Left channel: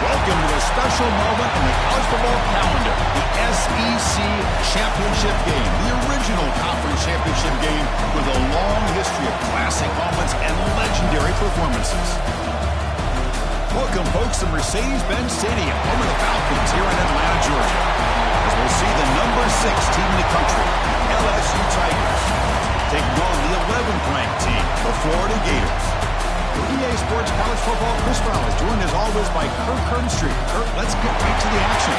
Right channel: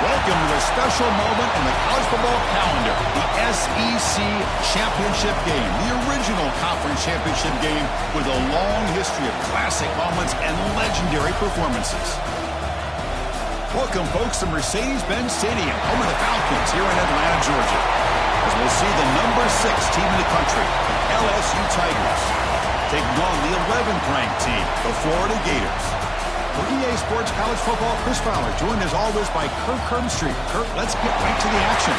Welcome to a special moment in the college football calendar, the SEC Championship Game, the original conference championship game with a long history of classic moments and legendary performances. Welcome, folks, to Mercedes-Benz Stadium, home of the Falcons here in Atlanta, Georgia, as we'll see the number 6 team in the country, LSU Tigers, taking on the 11th ranked team, the Florida Gators. For EA Sports College Football, Chris Fowler, joined as always by Kirk Herbstreit. Kirk, let's get right to the action.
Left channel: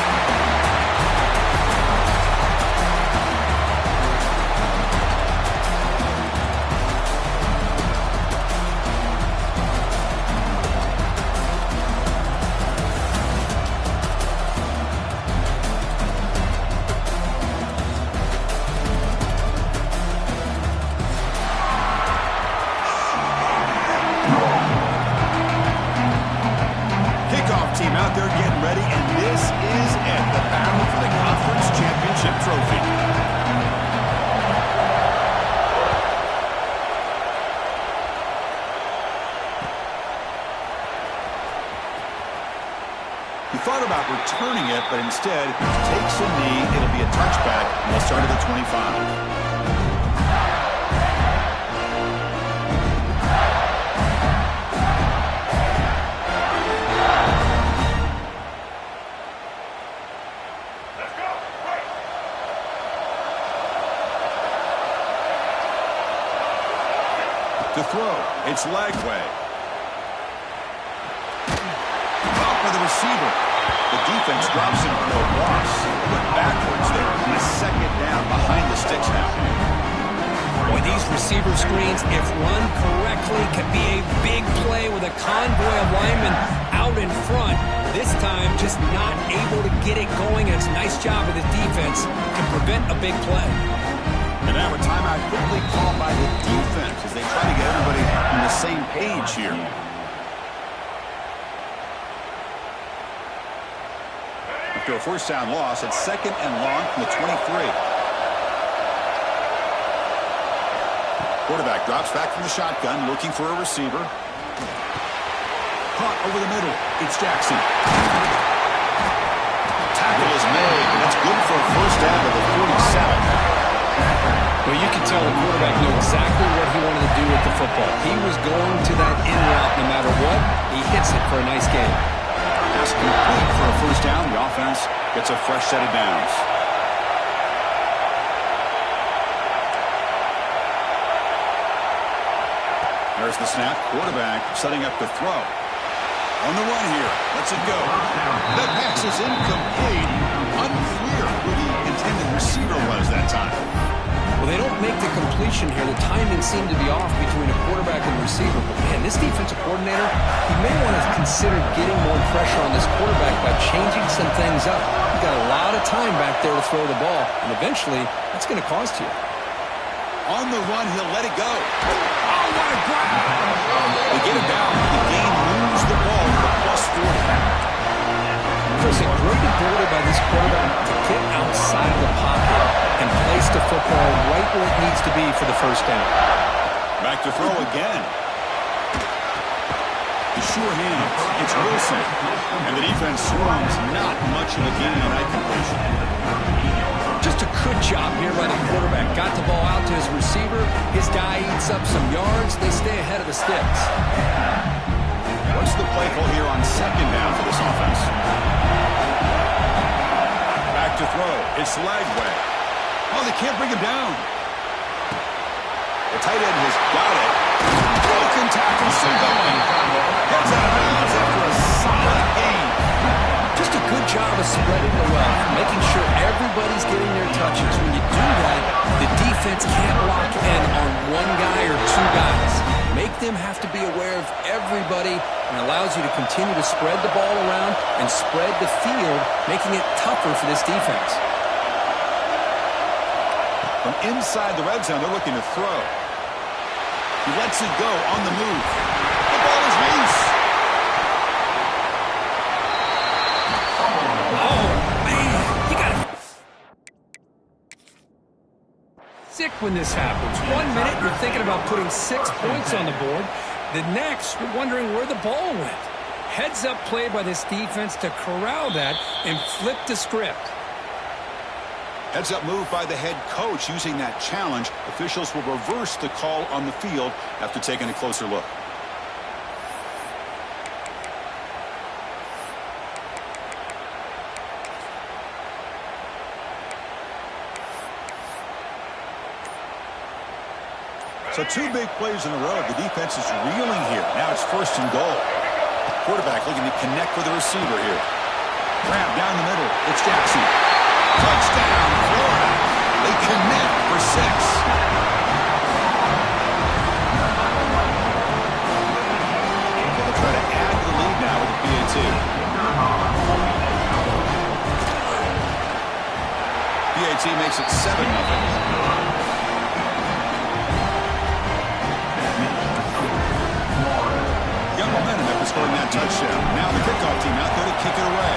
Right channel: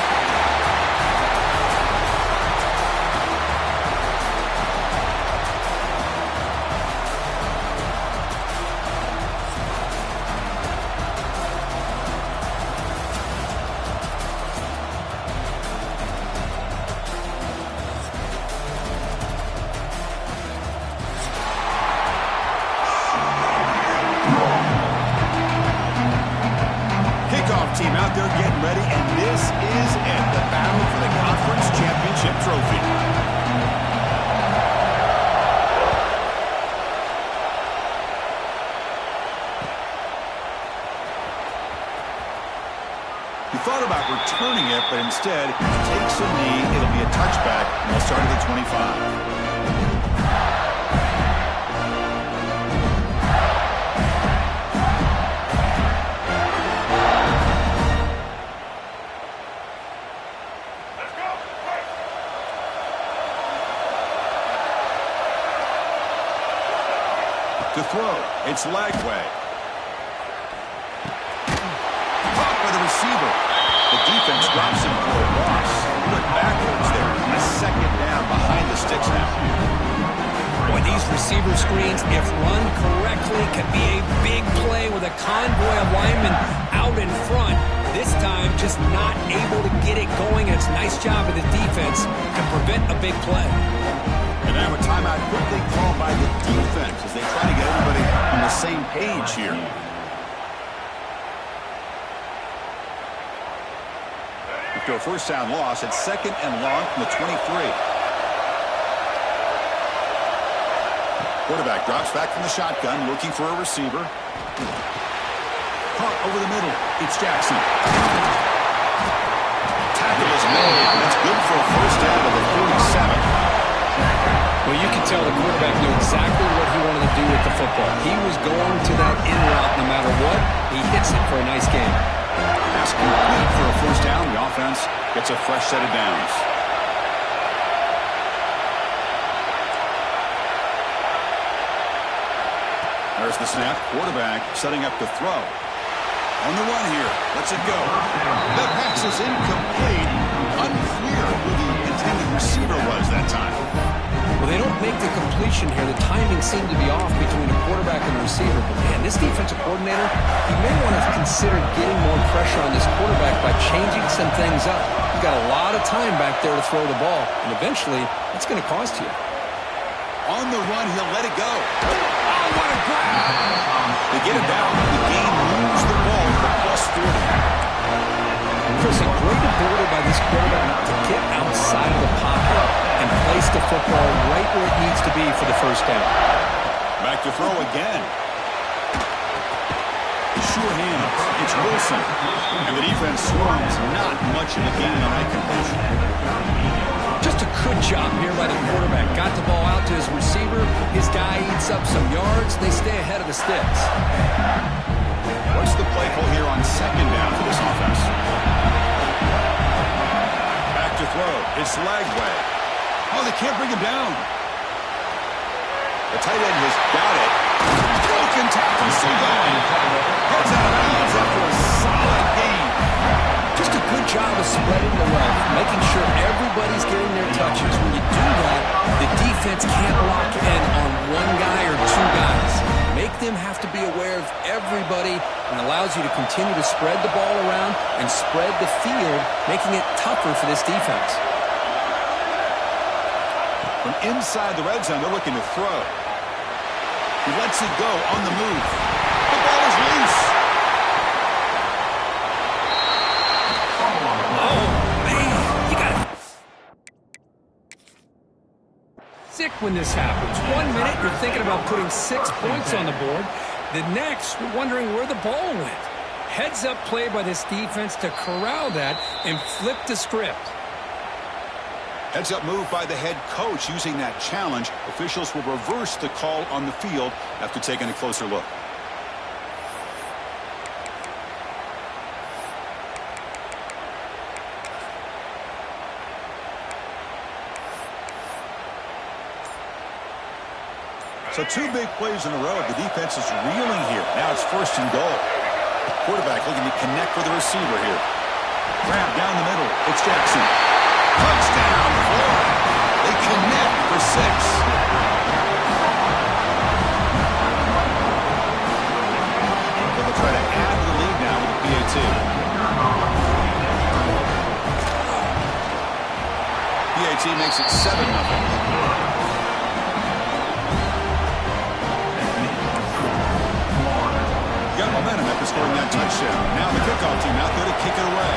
Team out there getting ready, and this is it, the battle for the conference championship trophy. He thought about returning it, but instead takes a knee. It'll be a touchback, and they'll start at the 25. To throw, it's Lagway. Caught by the receiver. The defense drops him for a loss. He went backwards there. A second down behind the sticks now. Boy, these receiver screens, if run correctly, can be a big play with a convoy of linemen out in front. This time, just not able to get it going. It's a nice job of the defense to prevent a big play. And now a timeout quickly called by the defense as they try to get everybody on the same page here. After a first down loss, it's 2nd and long from the 23. Quarterback drops back from the shotgun, looking for a receiver. Caught over the middle. It's Jackson. Tackle is made, and that's good for a first down to the 47. Well, you can tell the quarterback knew exactly what he wanted to do with the football. He was going to that in route no matter what. He hits it for a nice game. Pass complete for a first down. The offense gets a fresh set of downs. There's the snap. Quarterback setting up to throw. On the run here. Lets it go. That pass is incomplete. Unclear who the intended receiver was that time. Well, they don't make the completion here. The timing seemed to be off between a quarterback and a receiver. But, man, this defensive coordinator, he may want to consider getting more pressure on this quarterback by changing some things up. You've got a lot of time back there to throw the ball, and eventually that's going to cost you. On the run, he'll let it go. Oh, what a grab! They get it down. The game moves the ball to the +40. Chris, a great ability by this quarterback to get outside of the pocket and place the football right where it needs to be for the first down. Back to throw again. Sure hands. It's Wilson. And the defense swarms. Not much of a gain on that completion. Just a good job here by the quarterback. Got the ball out to his receiver. His guy eats up some yards. They stay ahead of the sticks. What's the play call here on 2nd down for this offense? Back to throw. It's Lagway. Oh, they can't bring him down. The tight end has got it. Broken tackle, still going. Heads out of bounds after a solid gain. Just a good job of spreading the wealth, making sure everybody's getting their touches. When you do that, the defense can't lock in on one guy or two guys. Make them have to be aware of everybody, and allows you to continue to spread the ball around and spread the field, making it tougher for this defense. From inside the red zone, they're looking to throw. He lets it go on the move. The ball is loose. Oh, man, you got to... Sick when this happens. 1 minute, you're thinking about putting 6 points on the board. The next, you're wondering where the ball went. Heads-up play by this defense to corral that and flip the script. Heads-up move by the head coach using that challenge. Officials will reverse the call on the field after taking a closer look. So 2 big plays in a row. The defense is reeling here. Now it's 1st and goal. Quarterback looking to connect with the receiver here. Grab down the middle. It's Jackson. Touchdown, Florida. They connect for 6. They'll try to add to the lead now with a PAT. PAT makes it 7-0. Got momentum after scoring that touchdown. Now the kickoff team out there to kick it away.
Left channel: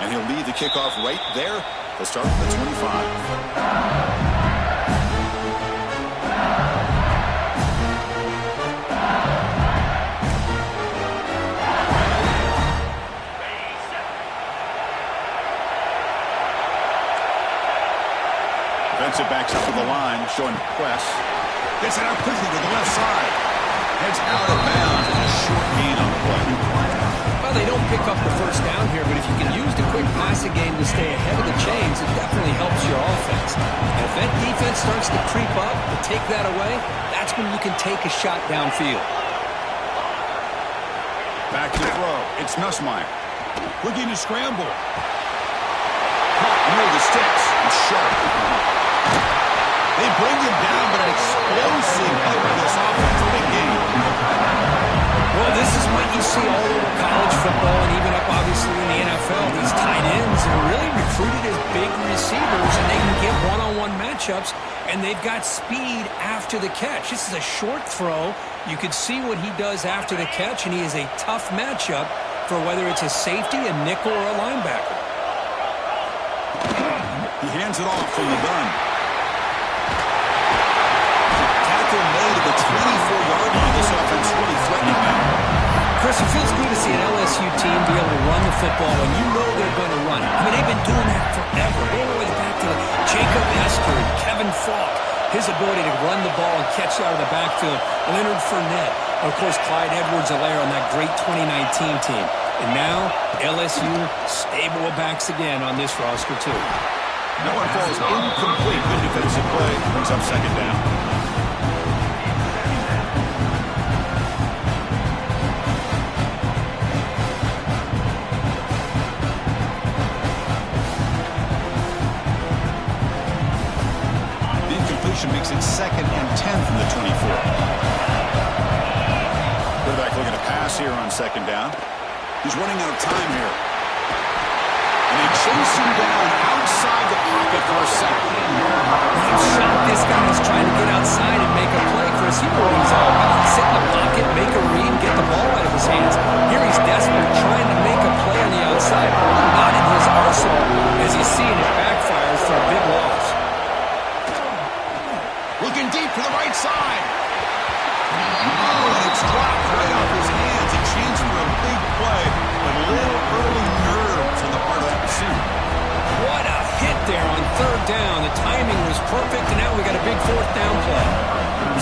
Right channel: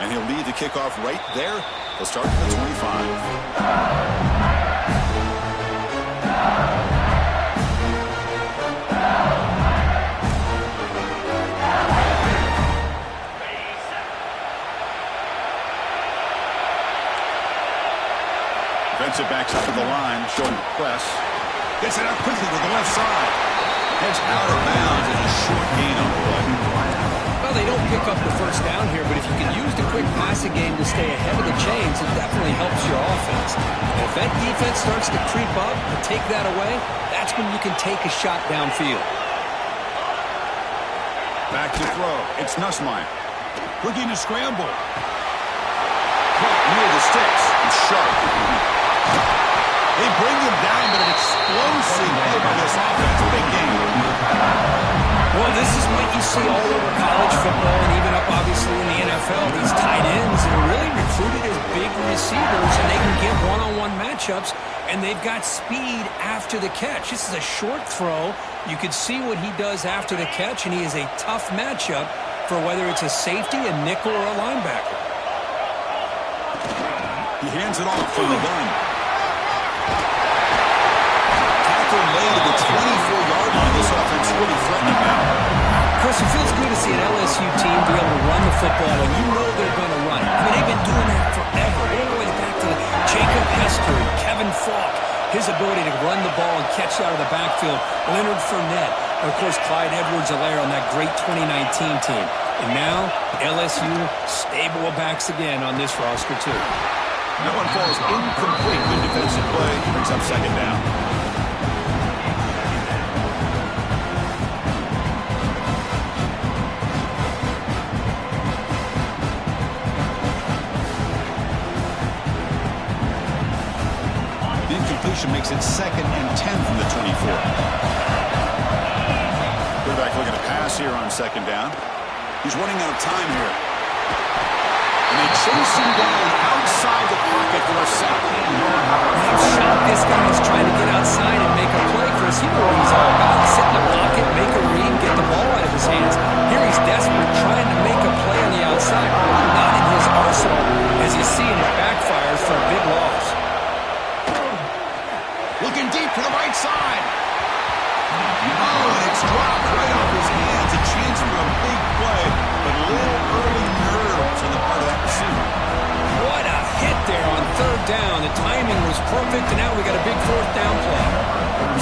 And he'll lead the kickoff right there. They'll start from the 25. Defensive backs up to the line, showing press. Gets it out quickly to the left side. Heads out of bounds as a short gain on the play. Well, they don't pick up the first down here, but if you can use the quick passing game to stay ahead of the chains, it definitely helps your offense. And if that defense starts to creep up and take that away, that's when you can take a shot downfield. Back to throw. It's Nussmeier. Looking to scramble. Caught near the sticks. It's sharp. They bring him down, but an explosive play by this offense. Big game. Well, this is what you see all over college football and even up, obviously, in the NFL. These tight ends are really recruited as big receivers, and they can get one-on-one matchups, and they've got speed after the catch. This is a short throw. You could see what he does after the catch, and he is a tough matchup for whether it's a safety, a nickel, or a linebacker. He hands it off from the gun. Tackle made at the 24-yard line. This offense really threatening now. Chris, it feels good to see an LSU team be able to run the football when you know they're going to run it. I mean, they've been doing that forever. All the way back to Jacob Hester and Kevin Falk. His ability to run the ball and catch out of the backfield. Leonard Fournette. Of course, Clyde Edwards-Helaire on that great 2019 team. And now, LSU stable of backs again on this roster, too. That one falls incomplete. Good defensive play. Brings up 2nd down. The incompletion makes it 2nd and 10 from the 24. Quarterback looking to pass here on 2nd down. He's running out of time here. And they chase him down outside the pocket for a sack. They've shot this guy who's trying to get outside and make a play, Chris. You know what he's all about. Sit in the pocket, make a read, get the ball out of his hands. Here he's desperate, trying to make a play on the outside. Really not in his arsenal. As you see, and it backfires for a big loss. Looking deep to the right side. Oh, and it's dropped right off his hands. A chance for a big play, but a little early nerves on the part of that receiver. What a hit there on 3rd down. The timing was perfect, and now we got a big 4th down play.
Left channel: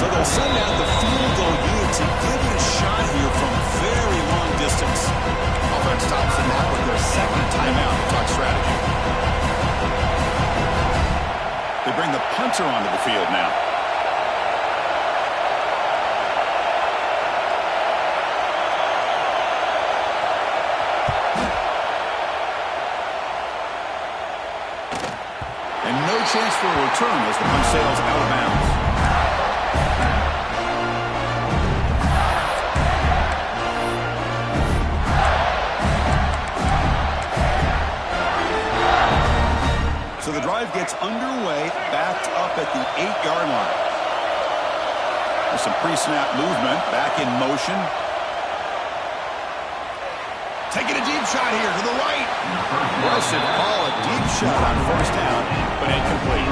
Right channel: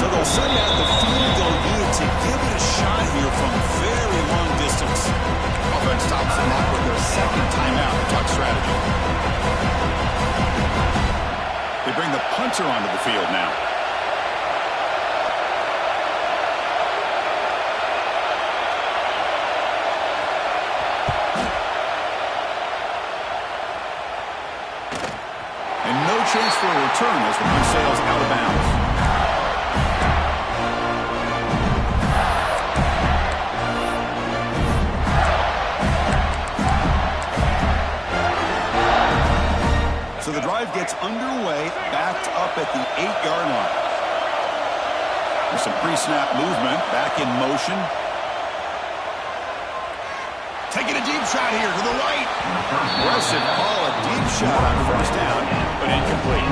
So they'll send out the field goal unit to give it a shot here from very long distance. Offense stops the clock with their 2nd timeout to talk strategy. They bring the punter onto the field now. And no chance for a return as the punt sails out of bounds. So the drive gets underway, backed up at the 8-yard line. There's some pre-snap movement, back in motion. Taking a deep shot here to the right. Aggressive call, a deep shot on 1st down, but incomplete.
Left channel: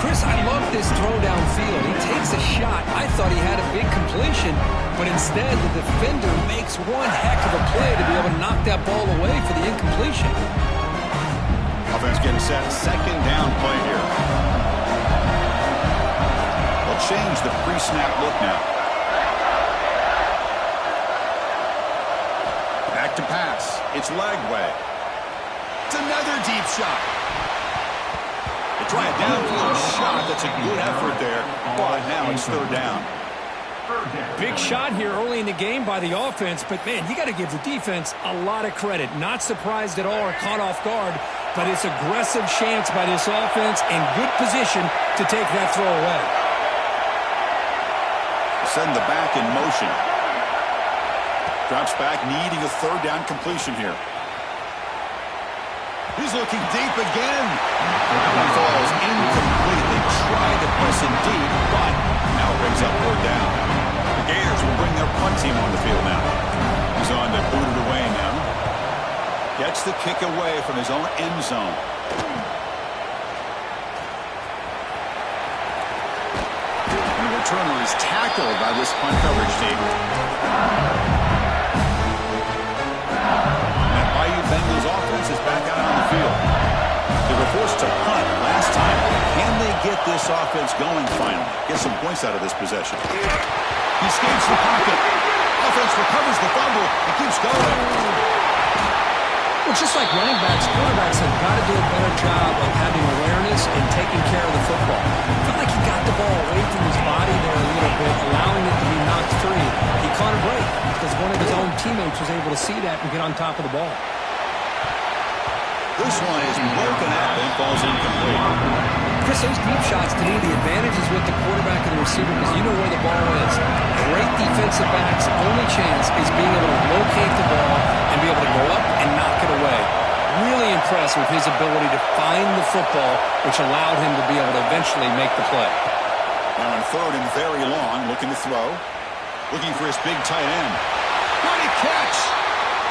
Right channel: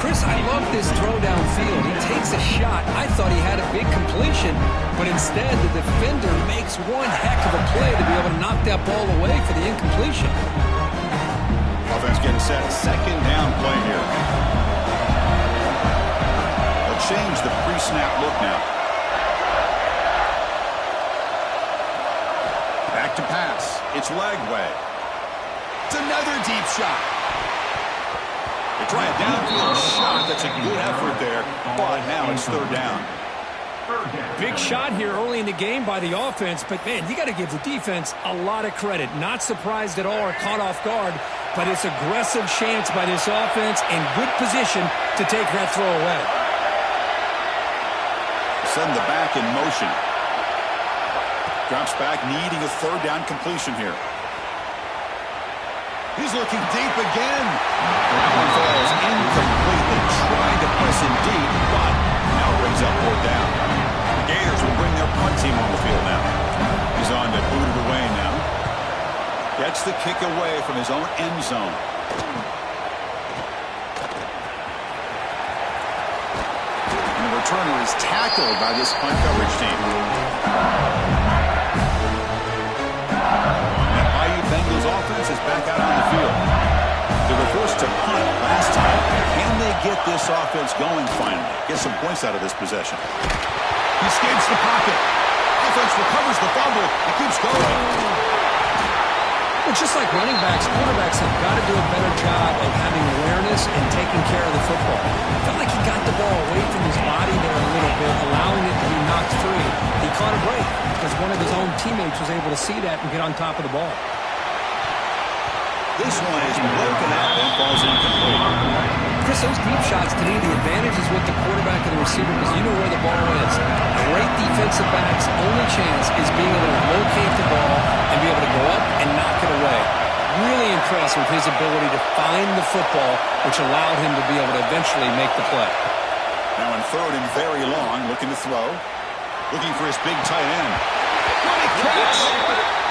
Chris, I love this throw downfield. He takes a shot. I thought he had a big completion, but instead the defender makes one heck of a play to be able to knock that ball away for the incompletion. Offense getting set. Second down play here. They'll change the pre-snap look now. Back to pass. It's Lagway. It's another deep shot. They try a downfield shot. That's a good effort there, but now it's third down. Big shot here early in the game by the offense, but, man, you got to give the defense a lot of credit. Not surprised at all or caught off guard, but it's aggressive chance by this offense in good position to take that throw away. Send the back in motion. Drops back, needing a third down completion here. He's looking deep again. That one falls incomplete. They tried to press in deep, but now it brings up fourth down. The Gators will bring their punt team on the field now. He's on to boot it away now. Gets the kick away from his own end zone. And the returner is tackled by this punt coverage team. Bengals offense is back out on the field. They were forced to punt last time. Can they get this offense going finally? Get some points out of this possession. He escapes the pocket. Offense recovers the fumble and keeps going. Well, just like running backs, quarterbacks have got to do a better job of having awareness and taking care of the football. Felt like he got the ball away from his body there a little bit, allowing it to be knocked free. He caught a break because one of his own teammates was able to see that and get on top of the ball. This one is broken up and falls incomplete. Chris, those deep shots, to me, the advantage is with the quarterback and the receiver because you know where the ball is. Great defensive backs' only chance is being able to locate the ball and be able to go up and knock it away. Really impressed with his ability to find the football, which allowed him to be able to eventually make the play. Now in third and very long, looking to throw. Looking for his big tight end. What a catch!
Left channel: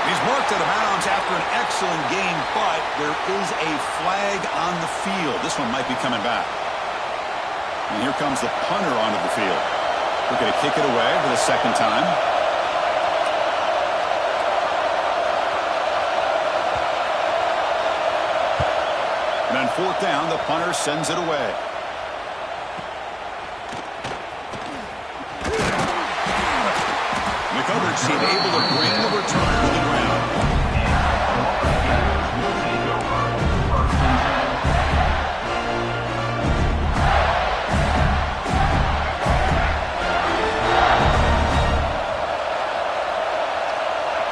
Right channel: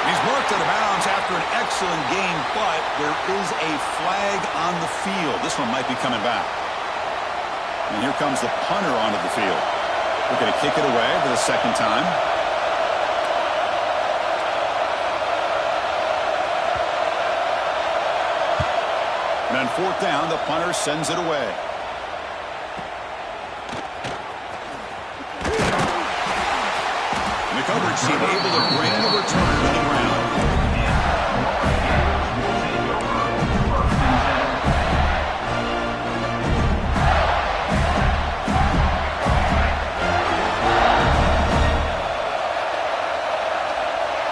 He's marked out of bounds after an excellent game, but there is a flag on the field. This one might be coming back. And here comes the punter onto the field. We're going to kick it away for the second time. And on fourth down, the punter sends it away. The coverage team able to bring the returner to the ground.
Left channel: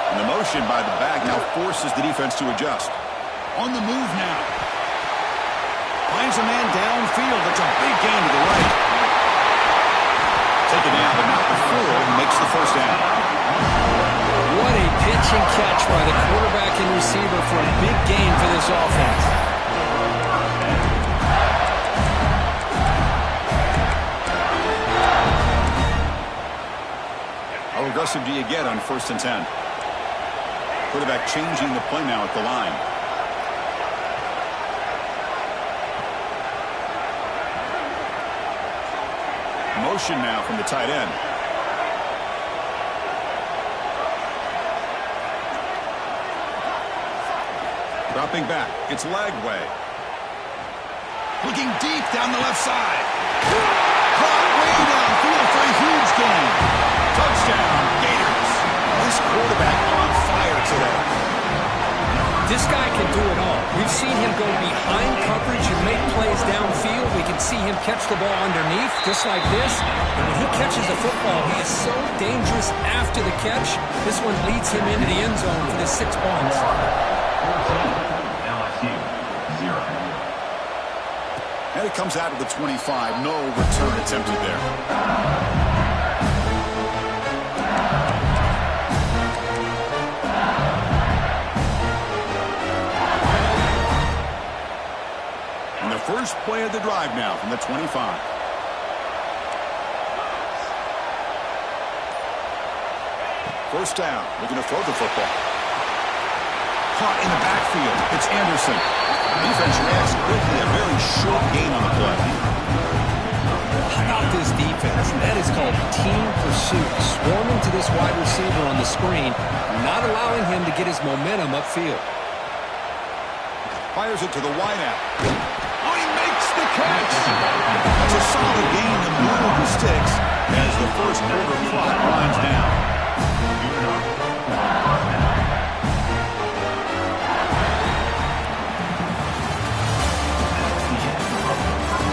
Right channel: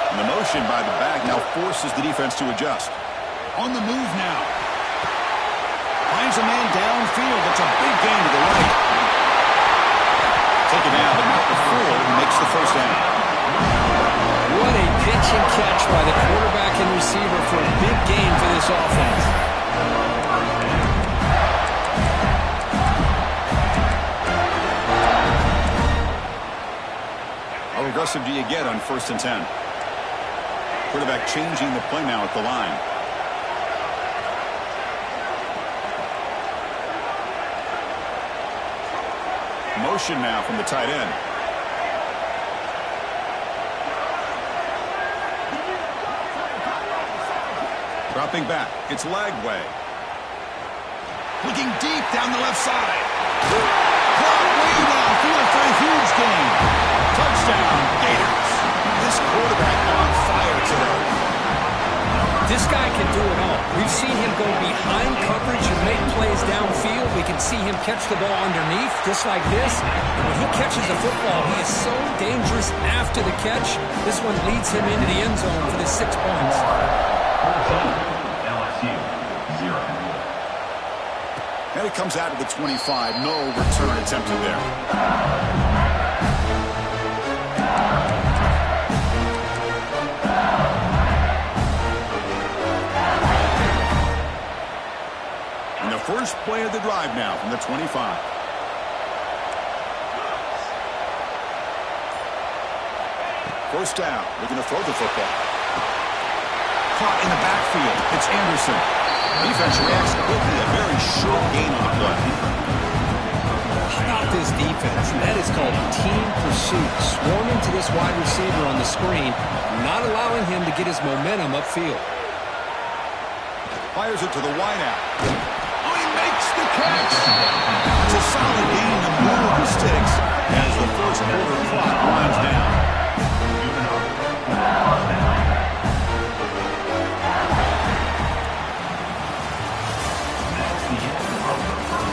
And the motion by the back now forces the defense to adjust. On the move now. Finds a man downfield. It's a big gain to the right. Taken down, but not before he makes the first down. What a pitch and catch by the quarterback and receiver for a big gain for this offense. How aggressive do you get on 1st and 10? Quarterback changing the play now at the line. Motion now from the tight end. Dropping back. It's Lagway. Looking deep down the left side. Caught way downfield for a huge gain. Touchdown, Gators. This quarterback on fire today. This guy can do it all. We've seen him go behind coverage and make plays downfield. We can see him catch the ball underneath, just like this. And when he catches the football, he is so dangerous after the catch. This one leads him into the end zone for the 6 points. LSU, 0. And it comes out of the 25. No return attempted there. First play of the drive now from the 25. First down, looking to throw the football. Caught in the backfield. It's Anderson. Defense reacts quickly. A very short gain on the play. How about this defense? That is called team pursuit. Swarming to this wide receiver on the screen, not allowing him to get his momentum upfield. Fires it to the wideout. Oh, he makes the catch. That's a solid gain to move the sticks as the first quarter clock winds down.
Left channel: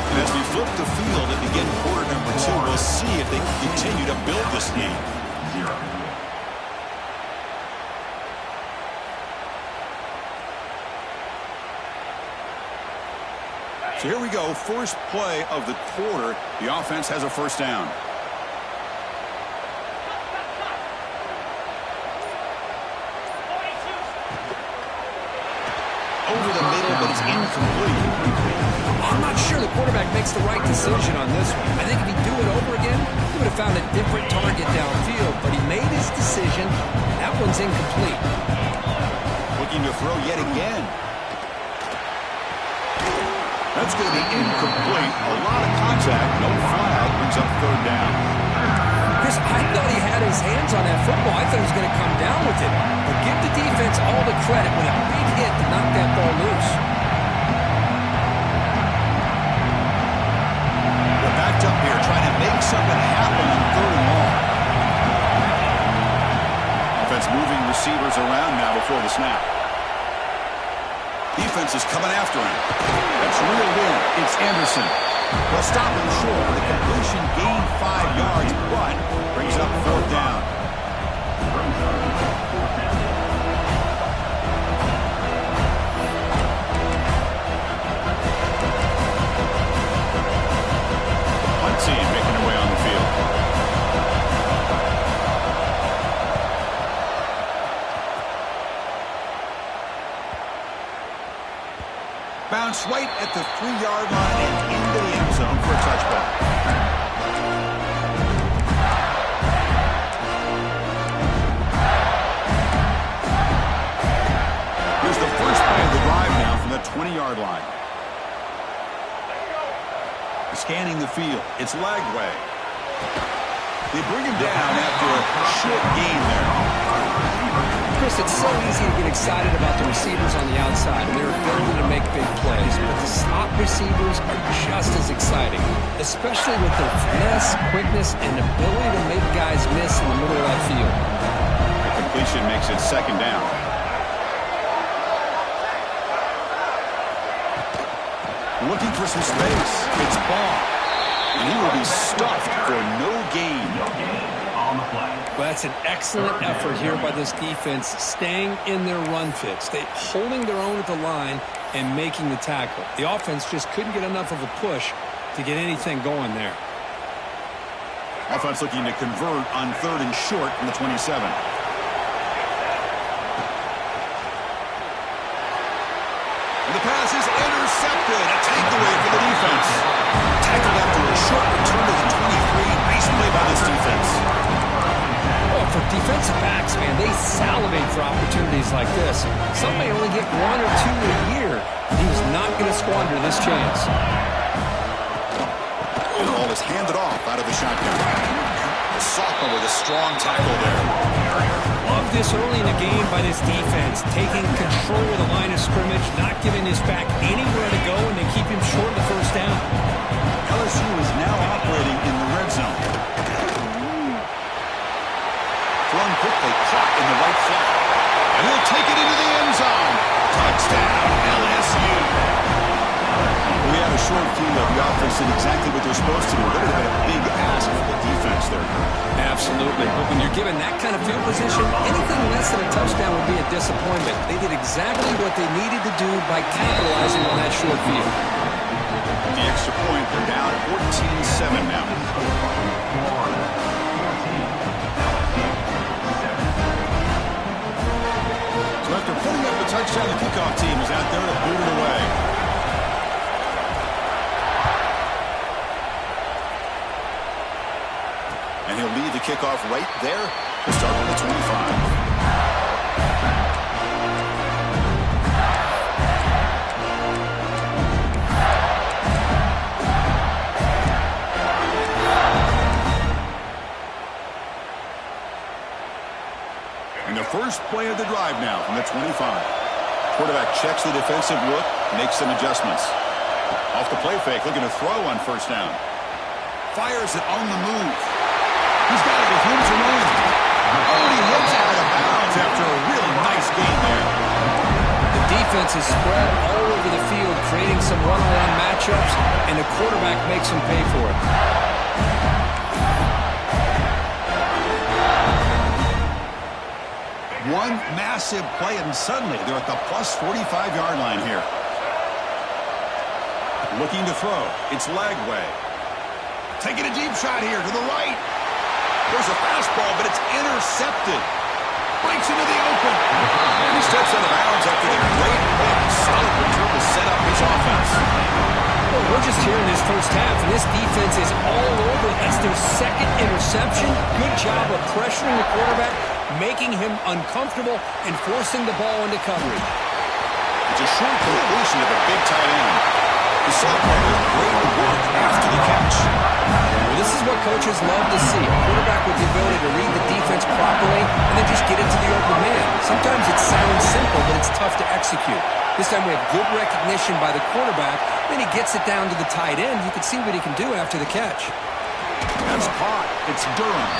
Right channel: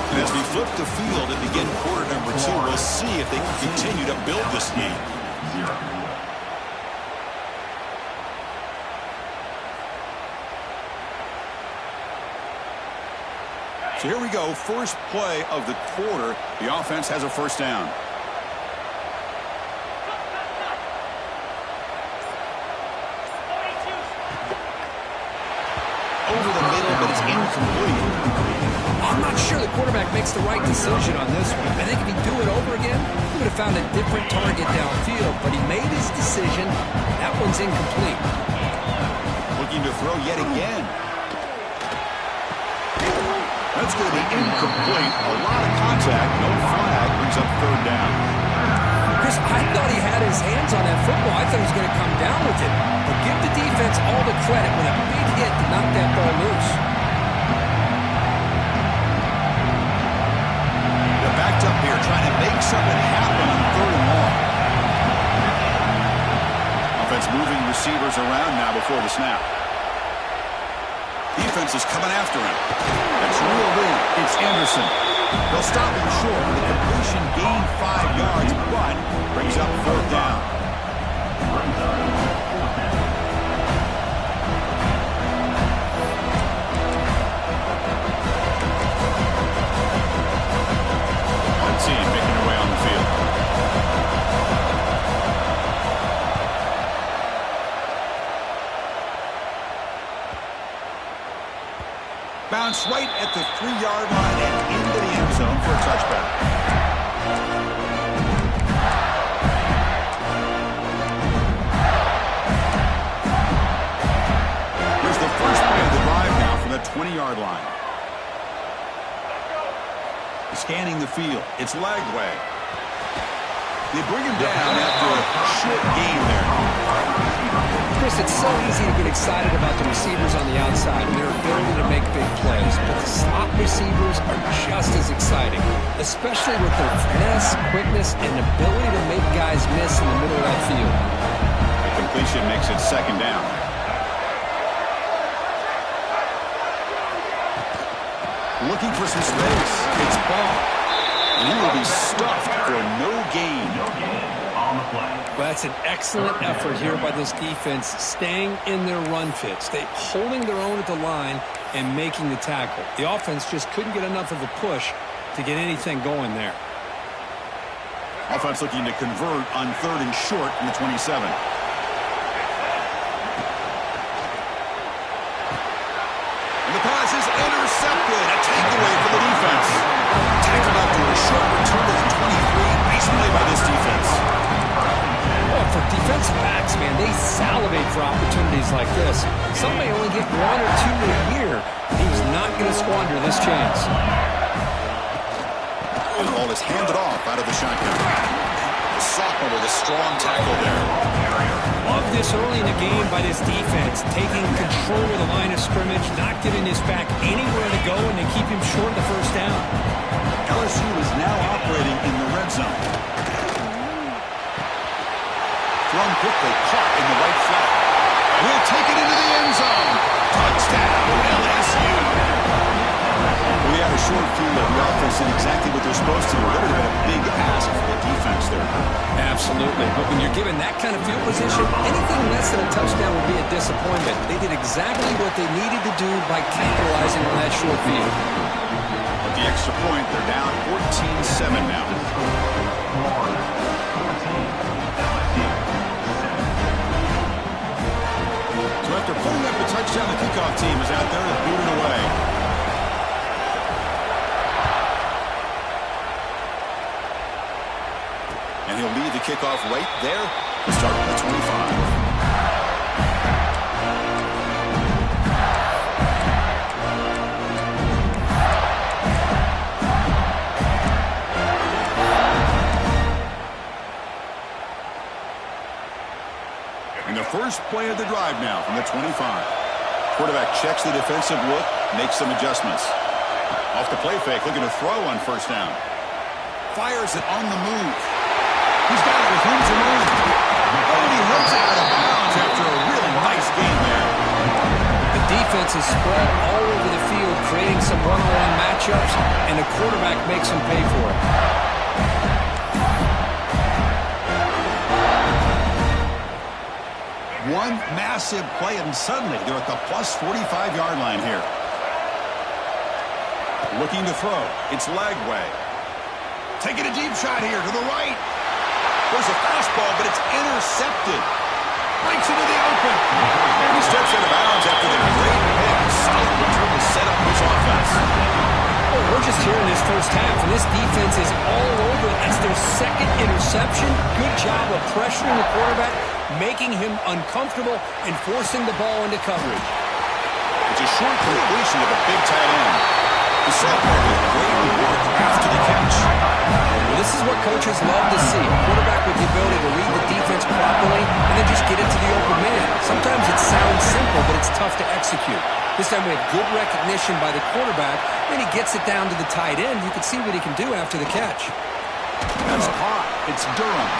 And as we flip the field and begin quarter number 2, we'll see if they can continue to build this lead. So here we go, first play of the quarter. The offense has a first down. Over the middle, but it's incomplete. I'm not sure the quarterback makes the right decision on this one. I think if he'd do it over again, he would have found a different target downfield, but he made his decision. That one's incomplete. Looking to throw yet again. That's going to be incomplete. A lot of contact. No flag. Brings up third down. Chris, I thought he had his hands on that football. I thought he was going to come down with it. But give the defense all the credit with a big hit to knock that ball loose. They're backed up here trying to make something happen on third and long. Offense moving receivers around now before the snap. Defense is coming after him. That's reeled in. It's Anderson. They'll stop him short with a completion, gain 5 yards, but brings up fourth down. The punt team making their way on the field. Bounce right at the 3-yard line and into the end zone for a touchback. Here's the first play of the drive now from the 20-yard line. Scanning the field. It's Lagway. They bring him down after a short gain there. Chris, it's so easy to get excited about the receivers on the outside and their ability to make big plays, but the slot receivers are just as exciting, especially with their finesse, quickness, and ability to make guys miss in the middle of that field. The completion makes it second down. Looking for some space. It's Ball. And he will be stuffed for no gain. On the play. Well, that's an excellent effort here by this defense, staying in their run fits, holding their own at the line and making the tackle. The offense just couldn't get enough of a push to get anything going there. Offense looking to convert on third and short from the 27. And the pass is intercepted. A takeaway for the defense. Tackled after a short return to the 23. Nice play by this defense. Oh, for defensive backs, man, they salivate for opportunities like this. Some may only get 1 or 2 a year. He was not going to squander this chance. The ball is handed off out of the shotgun. The sophomore with a strong tackle there. Love this early in the game by this defense, taking control of the line of scrimmage, not giving this back anywhere to go, and they keep him short of the first down. LSU is now operating in the red zone. Thrown quickly, caught in the right flat. And he'll take it into the end zone. Touchdown, LSU. We had a short field of the offense did exactly what they're supposed to do. That would have been a big ask for the defense there. Absolutely. But when you're given that kind of field position, anything less than a touchdown would be a disappointment. They did exactly what they needed to do by capitalizing on that short field. With the extra point, they're down 14-7 now. So after putting up the touchdown, the kickoff team is out there to boot it away. And he'll lead the kickoff right there to start from the 25. first play of the drive now from the 25. Quarterback checks the defensive look, makes some adjustments. Off the play fake, looking to throw on first down. Fires it on the move. He's got it with room to run. Oh, and he hits it out of bounds after a really nice gain there. The defense is spread all over the field, creating some one-on-one matchups, and the quarterback makes them pay for it. One massive play, and suddenly they're at the plus 45-yard line here. Looking to throw. It's Lagway. Taking a deep shot here to the right. There's a fastball, but it's intercepted. Breaks into the open. And he steps out of bounds after the great pick. Solid return to set up his offense. Well, we're just here in this first half, and this defense is all over. That's their second interception. Good job of pressuring the quarterback, making him uncomfortable, and forcing the ball into coverage. It's a short completion of a big tight end. The sophomore with great work after the catch. Well, this is what coaches love to see. A quarterback with the ability to read the defense properly and then just get it to the open man. Sometimes it sounds simple, but it's tough to execute. This time we have good recognition by the quarterback. Then he gets it down to the tight end. You can see what he can do after the catch. That's caught. It's Durham.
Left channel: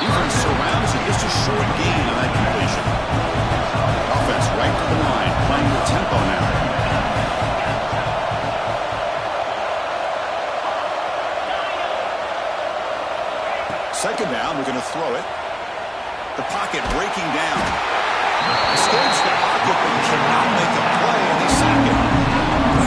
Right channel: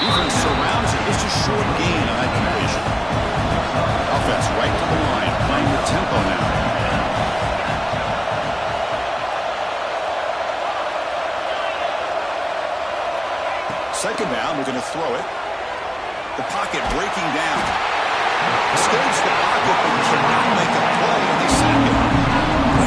Defense surrounds it. Just a short gain on that completion. Offense right to the line, playing with tempo now. Second down, they're going to throw it. The pocket breaking down. Escapes the pocket, but cannot make a play, and they sack him.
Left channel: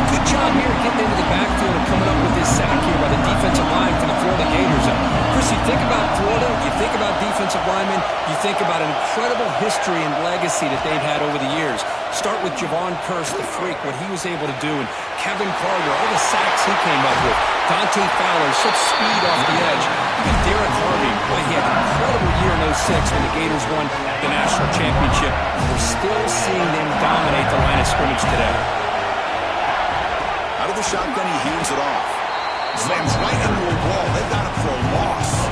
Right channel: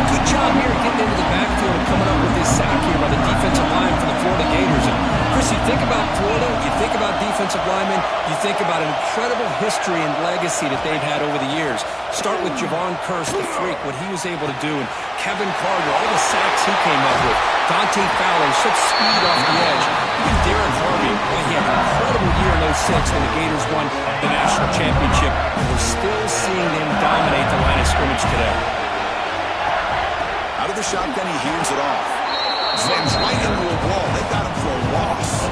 Good job here getting into the backfield and coming up with this sack here by the defensive line for the Florida Gators. And Chris, you think about Florida, you think about defensive linemen, you think about an incredible history and legacy that they've had over the years. Start with Javon Curse, the freak, what he was able to do, and Kevin Carter, all the sacks he came up with. Dante Fowler, such speed off the edge. Even Derek Harvey, boy, he had an incredible year in 06 when the Gators won the national championship. We're still seeing them dominate the line of scrimmage today. Out of the shotgun, he hands it off. Slams right into a wall. They've got him for a loss.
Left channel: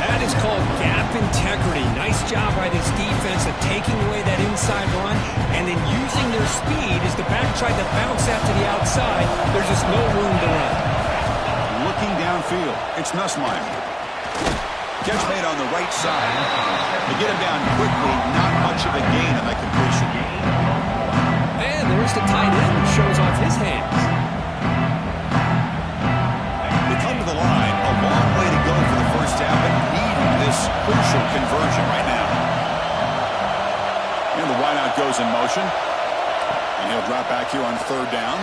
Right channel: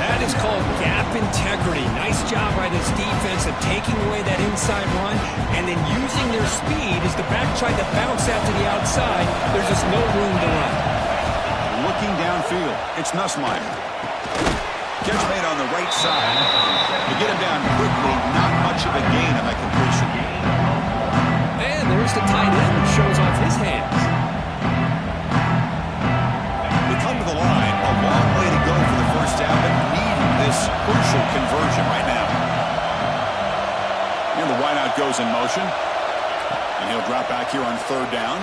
That is called gap integrity. Nice job by this defense of taking away that inside run and then using their speed as the back tried to bounce out to the outside. There's just no room to run. Looking downfield, it's Nussmeier. Catch made on the right side. To get him down quickly, not much of a gain on that completion. And there's the tight end who shows off his hands. They come to the line. A long way to go for the first down, but need this crucial conversion right now. And the wideout goes in motion. And he'll drop back here on third down.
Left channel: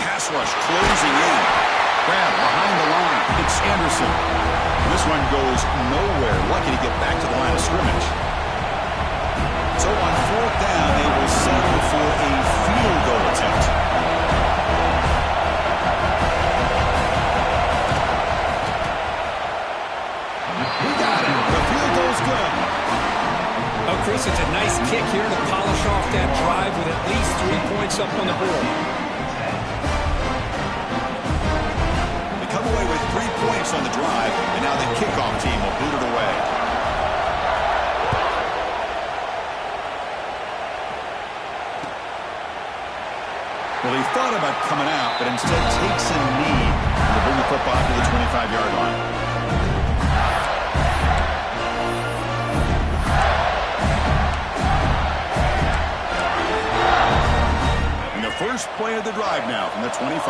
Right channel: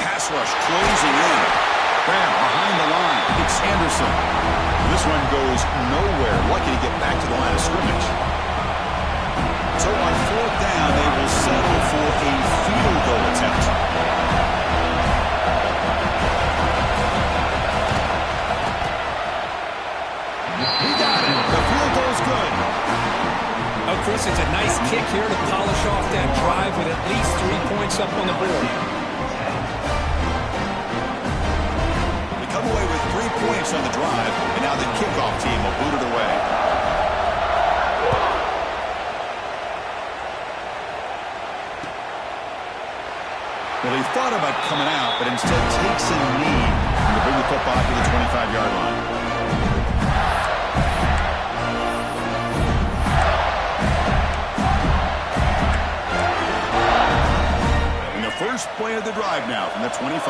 Pass rush closing in. Grab behind the line. It's Anderson. This one goes nowhere. Lucky to get back to the line of scrimmage. So on fourth down, they will settle for a field goal attempt. He got it. The field goal's good. Oh, Chris, it's a nice kick here to polish off that drive with at least 3 points up on the board. They come away with 3 points on the drive, and now the kickoff team will boot it away. Well, he thought about coming out, but instead takes a knee to bring the football to the 25-yard line. And the first play of the drive now from the 25.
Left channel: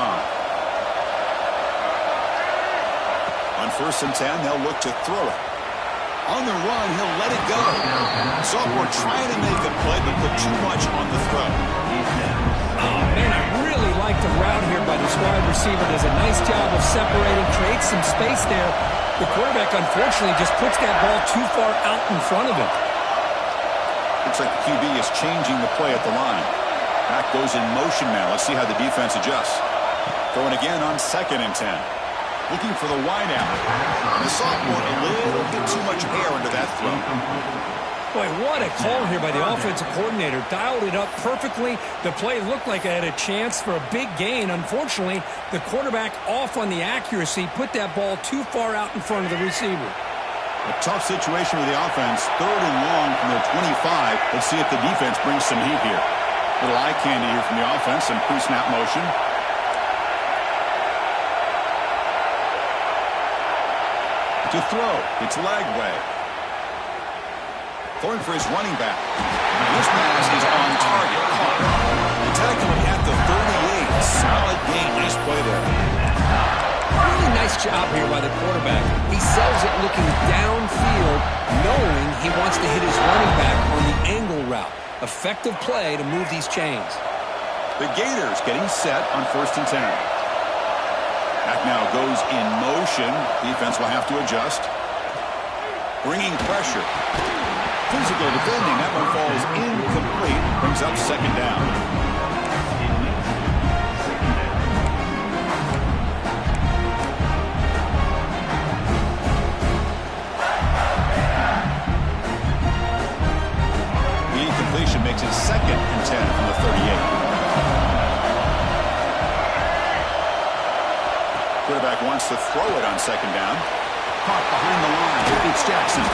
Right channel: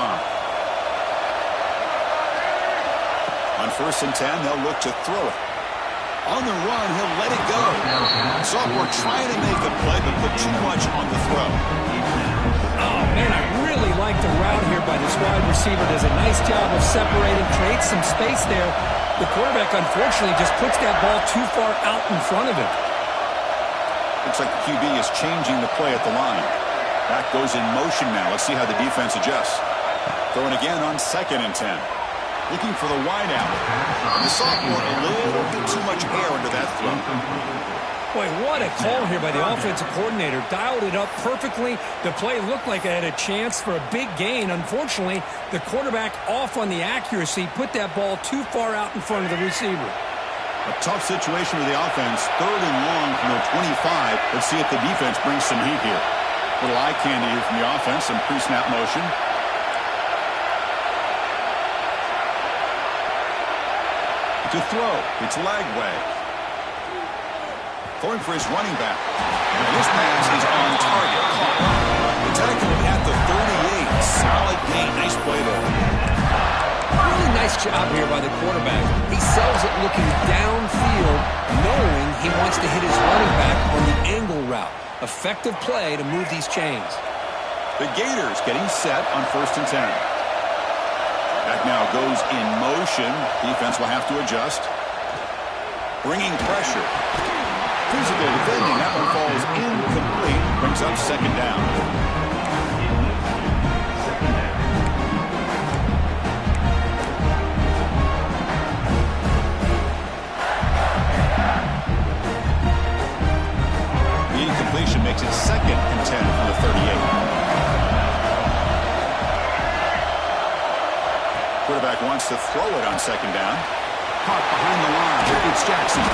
On 1st and 10, they'll look to throw it. On the run, he'll let it go. Sophomore trying to make a play, but put too much on the throw. Oh, man, I really like the route here by this wide receiver. Does a nice job of separating, creates some space there. The quarterback, unfortunately, just puts that ball too far out in front of him. Looks like the QB is changing the play at the line. Back goes in motion now. Let's see how the defense adjusts. Throwing again on 2nd and 10. Looking for the wide out. And the sophomore, a little bit too much air into that throw. Boy, what a call here by the offensive coordinator. Dialed it up perfectly. The play looked like it had a chance for a big gain. Unfortunately, the quarterback off on the accuracy, put that ball too far out in front of the receiver. A tough situation with the offense. 3rd and long from their 25. Let's see if the defense brings some heat here. Little eye candy here from the offense. Some pre-snap motion. To throw. It's Lagway. Throwing for his running back. Now this pass is on target. Caught. They tackle him at the 38. Solid gain. Nice play there. Really nice job here by the quarterback. He sells it looking downfield, knowing he wants to hit his running back on the angle route. Effective play to move these chains. The Gators getting set on 1st and 10. Back now goes in motion. Defense will have to adjust. Bringing pressure. Physical defending. That one falls incomplete. Brings up 2nd down. The incompletion makes it 2nd and 10 from the 38. Quarterback wants to throw it on 2nd down. Caught behind the line. It's Jackson.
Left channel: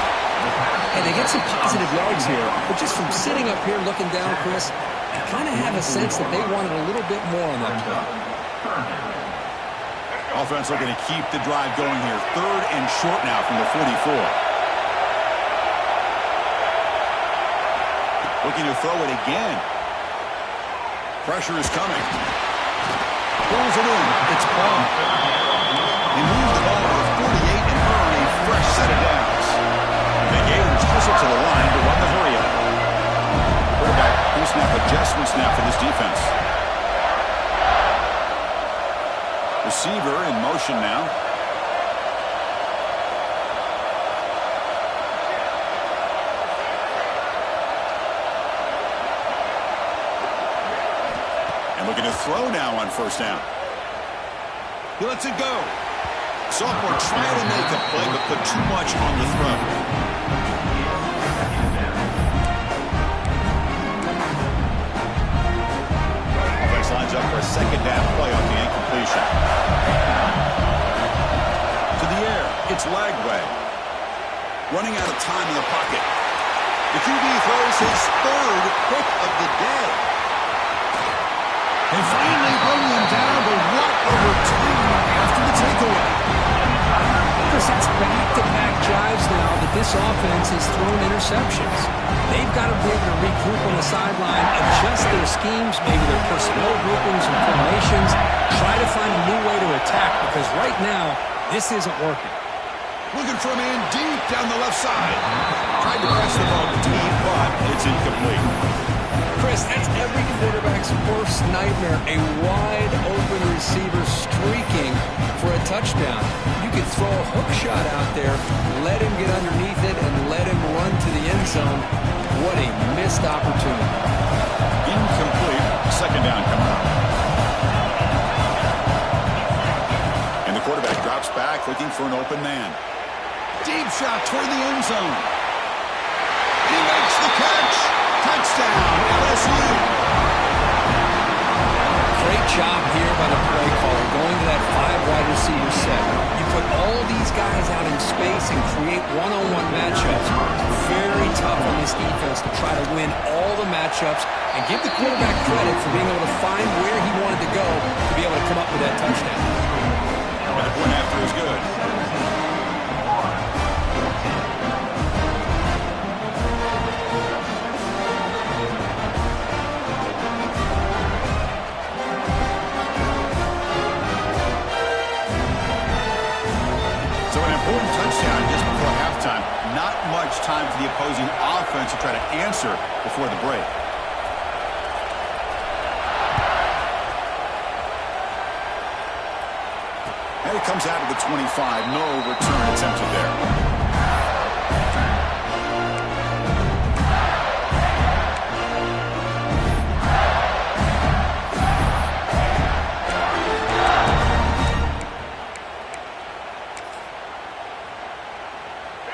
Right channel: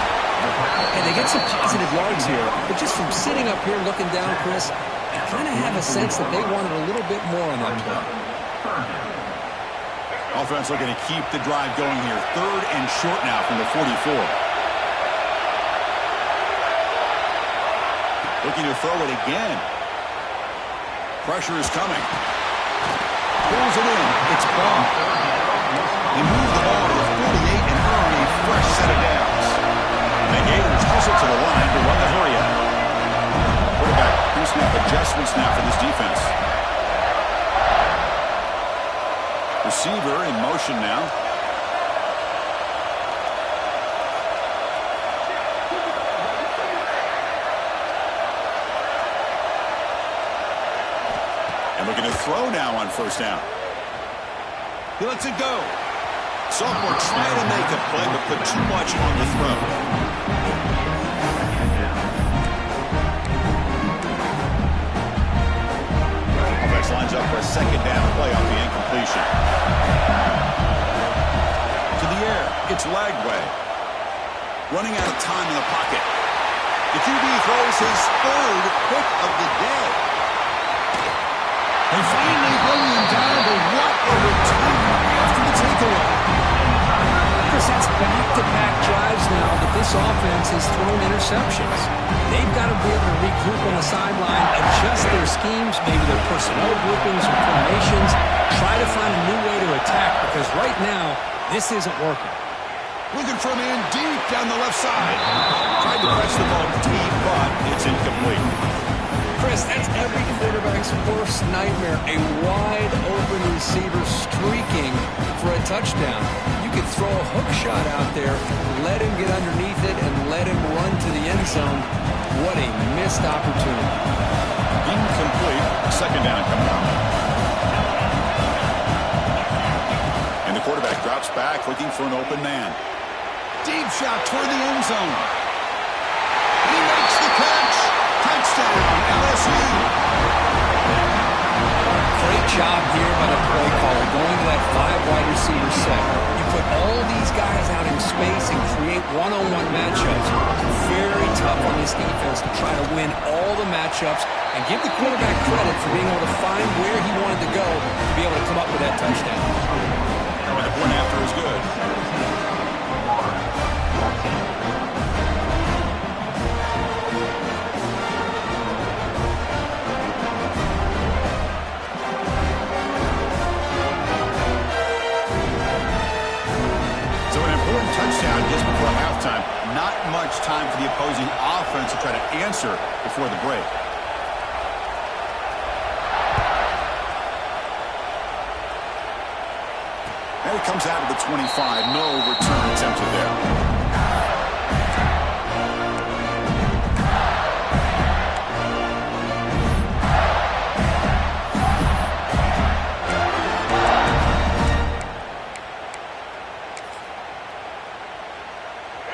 And they get some positive yards here, but just from sitting up here looking down, Chris, I kind of have a sense that they wanted a little bit more on that play. Offense looking to keep the drive going here. 3rd and short now from the 44. Looking to throw it again. Pressure is coming. Pulls it in. It's ball. They move the ball to the 48 and earn a fresh set of downs. The Gators hustle to the line to run the hurry-up. Quarterback pre-snap adjustments now for this defense. Receiver in motion now. And looking to throw now on 1st down. He lets it go. Sophomore trying to make a play, but put too much on the throw. Offense lines up for a 2nd down play off the incompletion. To the air, it's Lagway. Running out of time in the pocket. The QB throws his 3rd pick of the day. They finally bring him down, but what a return after the takeaway. Chris, that's back-to-back drives now that this offense has thrown interceptions. They've got to be able to regroup on the sideline, adjust their schemes, maybe their personnel groupings and formations, try to find a new way to attack, because right now, this isn't working. Looking for a man deep down the left side. Tried to press the ball deep, but it's incomplete. Chris, that's every quarterback's worst nightmare, a wide-open receiver streaking for a touchdown. You could throw a hook shot out there, let him get underneath it, and let him run to the end zone. What a missed opportunity. Incomplete. 2nd down coming up. And the quarterback drops back, looking for an open man. Deep shot toward the end zone. And he makes the catch. Touchdown, LSU. Great job here by the play caller, going to that 5 wide receiver set. You put all these guys out in space and create one-on-one matchups. Very tough on this defense to try to win all the matchups and give the quarterback credit for being able to find where he wanted to go to be able to come up with that touchdown. And the point after is good. Important touchdown just before halftime. Not much time for the opposing offense to try to answer before the break. And it comes out of the 25. No return attempted there.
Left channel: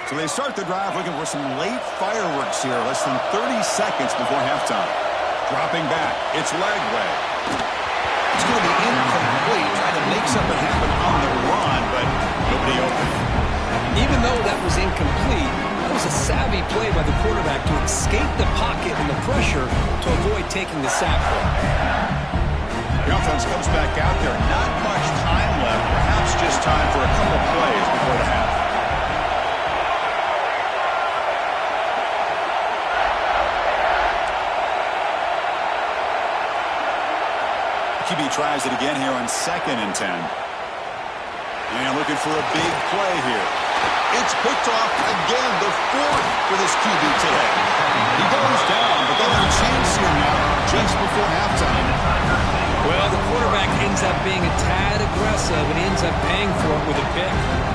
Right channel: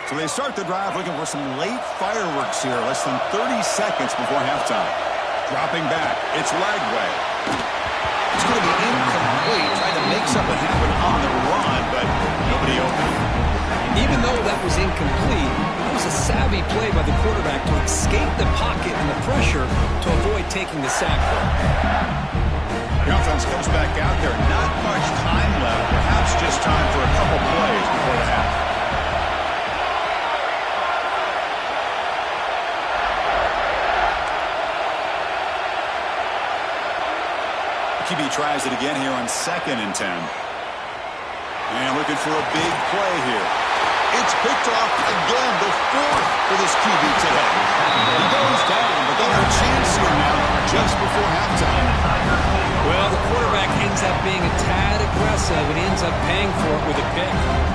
So they start the drive looking for some late fireworks here, less than 30 seconds before halftime. Dropping back, it's Lagway. It's going to be incomplete, trying to make something happen on the run, but nobody open. Even though that was incomplete, that was a savvy play by the quarterback to escape the pocket and the pressure to avoid taking the sack there. The offense comes back out there. Not much time left. Perhaps just time for a couple plays before the half. QB tries it again here on 2nd and 10. And looking for a big play here. It's picked off again, the 4th for this QB today. He goes down, but they'll have a chance here now just before halftime. Well, the quarterback ends up being a tad aggressive and ends up paying for it with a pick.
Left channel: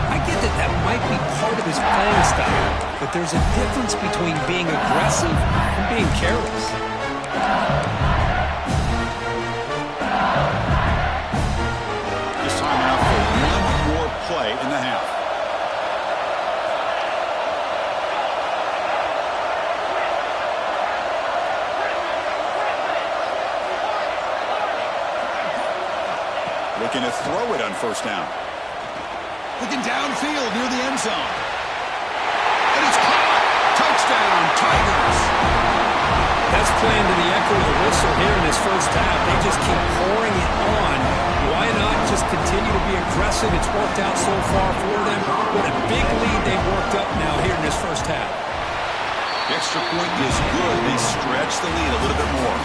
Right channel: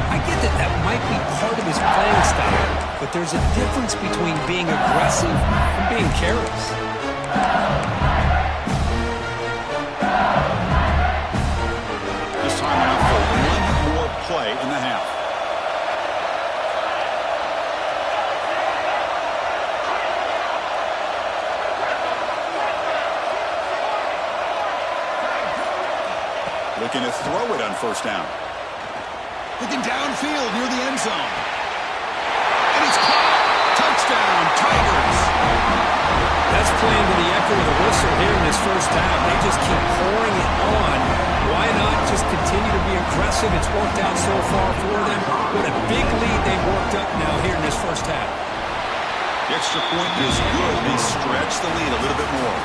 I get that that might be part of his playing style, but there's a difference between being aggressive and being careless. This time out for one more play in the half. Looking to throw it on 1st down. Looking downfield near the end zone. And it's caught. Touchdown, Tigers. That's playing to the echo of the whistle here in this 1st half. They just keep pouring it on. Why not just continue to be aggressive? It's worked out so far for them. What a big lead they've worked up now here in this 1st half. The extra point is good. They stretch the lead a little bit more.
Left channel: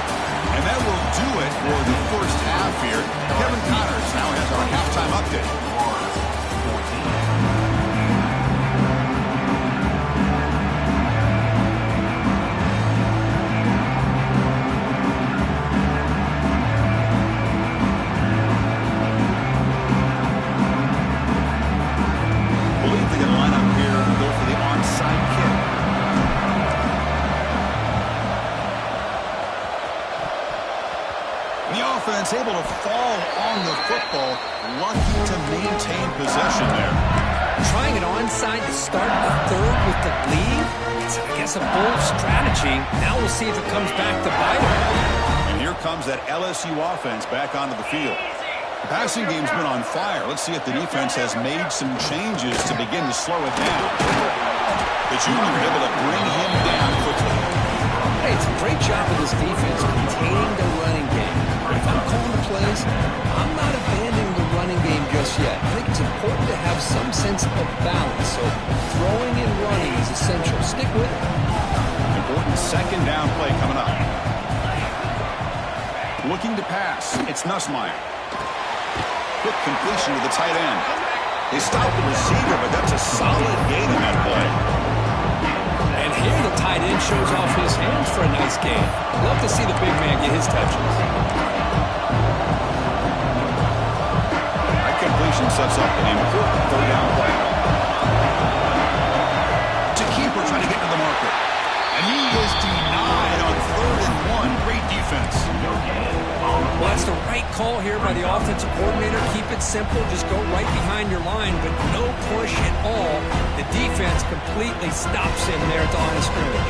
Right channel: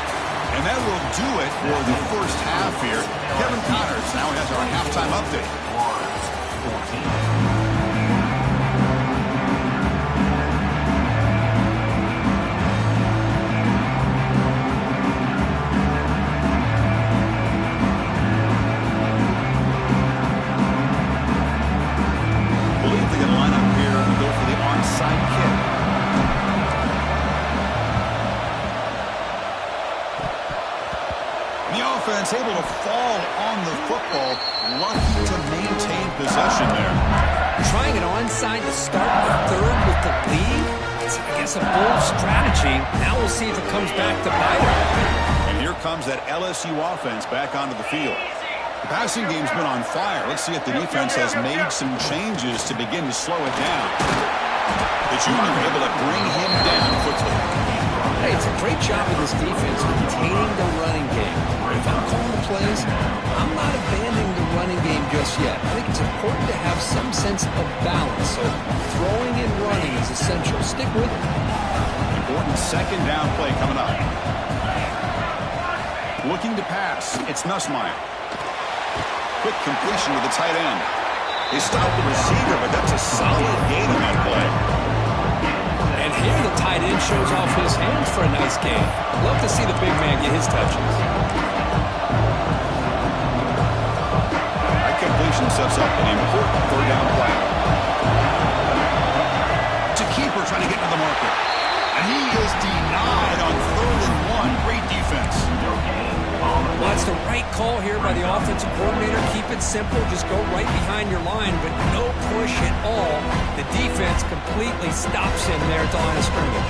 And that will do it for the 1st half here. Kevin Connors now has our halftime update. I believe they're going to line up here and go for the onside kick. The offense able to fall on the football, lucky to maintain possession there. Trying it onside to start the 3rd with the lead? It's, I guess, a bold strategy. Now we'll see if it comes back to bite them. And here comes that LSU offense back onto the field. The passing game's been on fire. Let's see if the defense has made some changes to begin to slow it down. The junior able to bring him down quickly. Hey, it's a great job of this defense containing the running game. If I'm calling the plays, I'm not abandoning the running game just yet. I think it's important to have some sense of balance. So throwing and running is essential. Stick with it. Important 2nd down play coming up. Looking to pass. It's Nussmeier. Quick completion to the tight end. They stopped the receiver, but that's a solid gain on that play. And here the tight end shows off his hands for a nice gain. Love to see the big man get his touches. That completion sets up an important 3rd down play. To keeper trying to get to the marker. And he is denied on 3rd and 1. Great defense. Well, that's the right call here by the offensive coordinator. Keep it simple. Just go right behind your line, but no push at all. The defense completely stops him there at the line of scrimmage.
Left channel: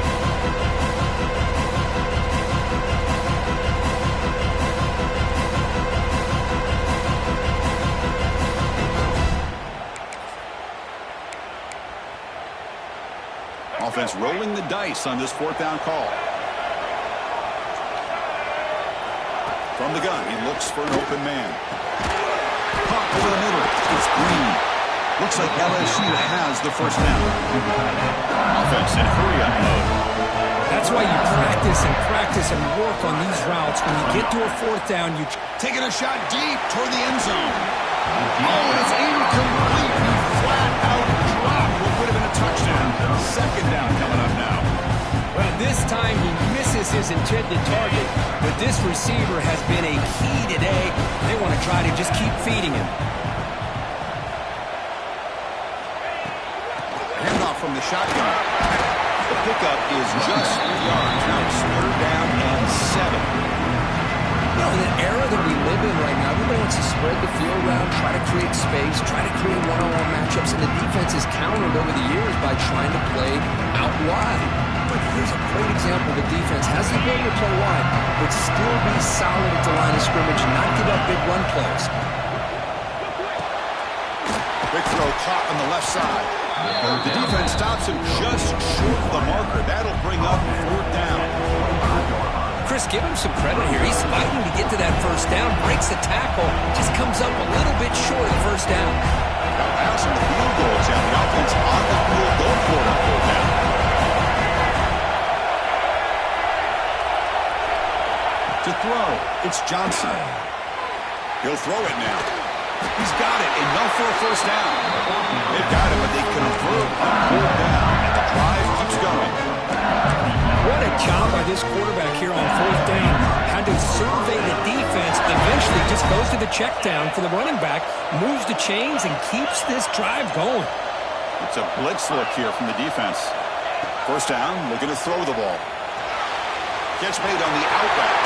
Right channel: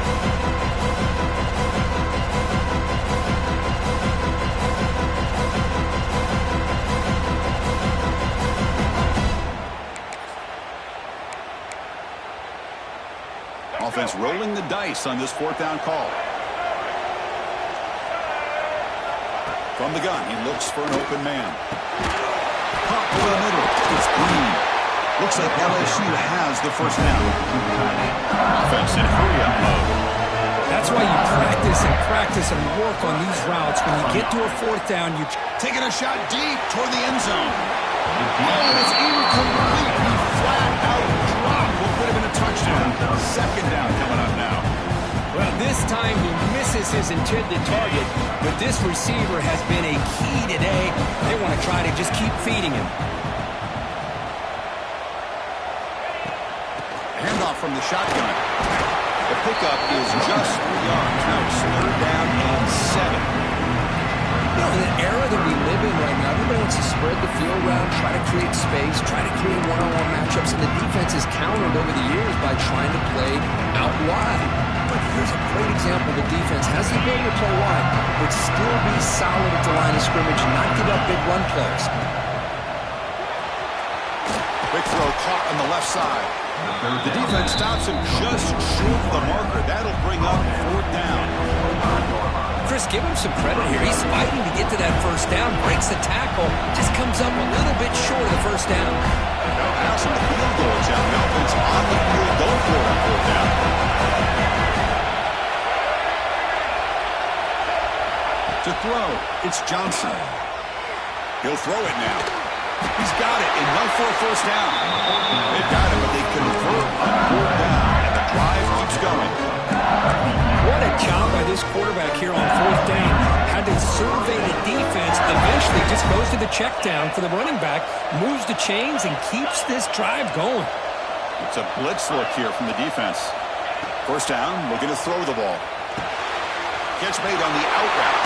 Offense rolling the dice on this 4th down call. From the gun, he looks for an open man. Pop over the middle. It's Green. Looks like LSU has the 1st down. Offense in hurry-up mode. That's why you practice and work on these routes. When you get to a 4th down, you taking a shot deep toward the end zone. Oh, it's incomplete. He flat out dropped what would have been a touchdown. 2nd down coming up now. Well, this time he misses his intended target, but this receiver has been a key today. They want to try to just keep feeding him. Handoff from the shotgun. The pickup is just 3 yards. Now it's 3rd down and 7. You know, in the era that we live in right now, everybody wants to spread the field around, try to create space, try to create one-on-one matchups, and the defense is countered over the years by trying to play out wide. But here's a great example. The defense has the ability to play wide, but still be solid at the line of scrimmage and not give up big run plays. Big throw caught on the left side. The defense stops him just short of the marker. That'll bring up 4th down. Chris, give him some credit here. He's fighting to get to that first down, breaks the tackle, just comes up a little bit short of the first down. Now pass on the field goal attempt. The offense on the field going for it on 4th down. To throw, it's Johnson. He'll throw it now. He's got it, enough for a first down. They've got it, but they convert on 4th down, and the drive keeps going. What a job by this quarterback here on 4th down. Had to survey the defense, eventually just goes to the check down for the running back, moves the chains, and keeps this drive going. It's a blitz look here from the defense. First down, looking to throw the ball. Catch made on the out route.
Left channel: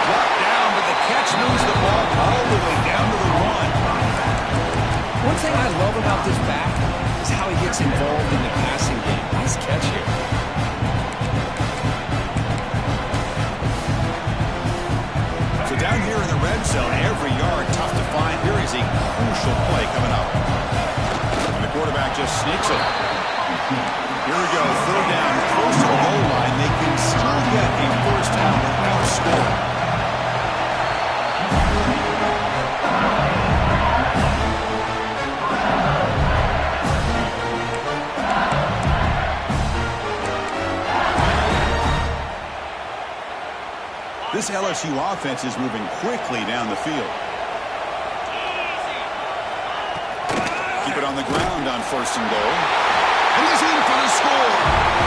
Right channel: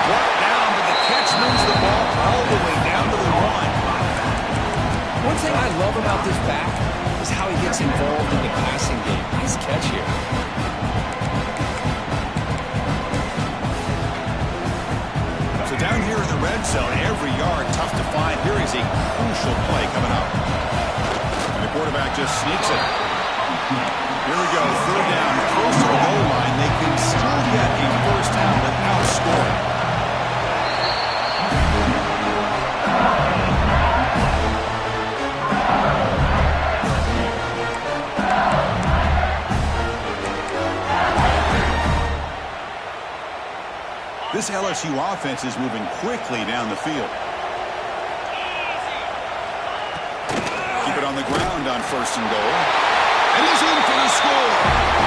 Brought down, but the catch moves the ball all the way down to the 1. One thing I love about this back is how he gets involved in the passing game. Nice catch here. So down here in the red zone, every yard tough to find. Here is a crucial play coming up. And the quarterback just sneaks it. Here we go, 3rd down, close to the goal line. They can still get a first down without scoring. This LSU offense is moving quickly down the field. Keep it on the ground on 1st and goal. And he's in for the score.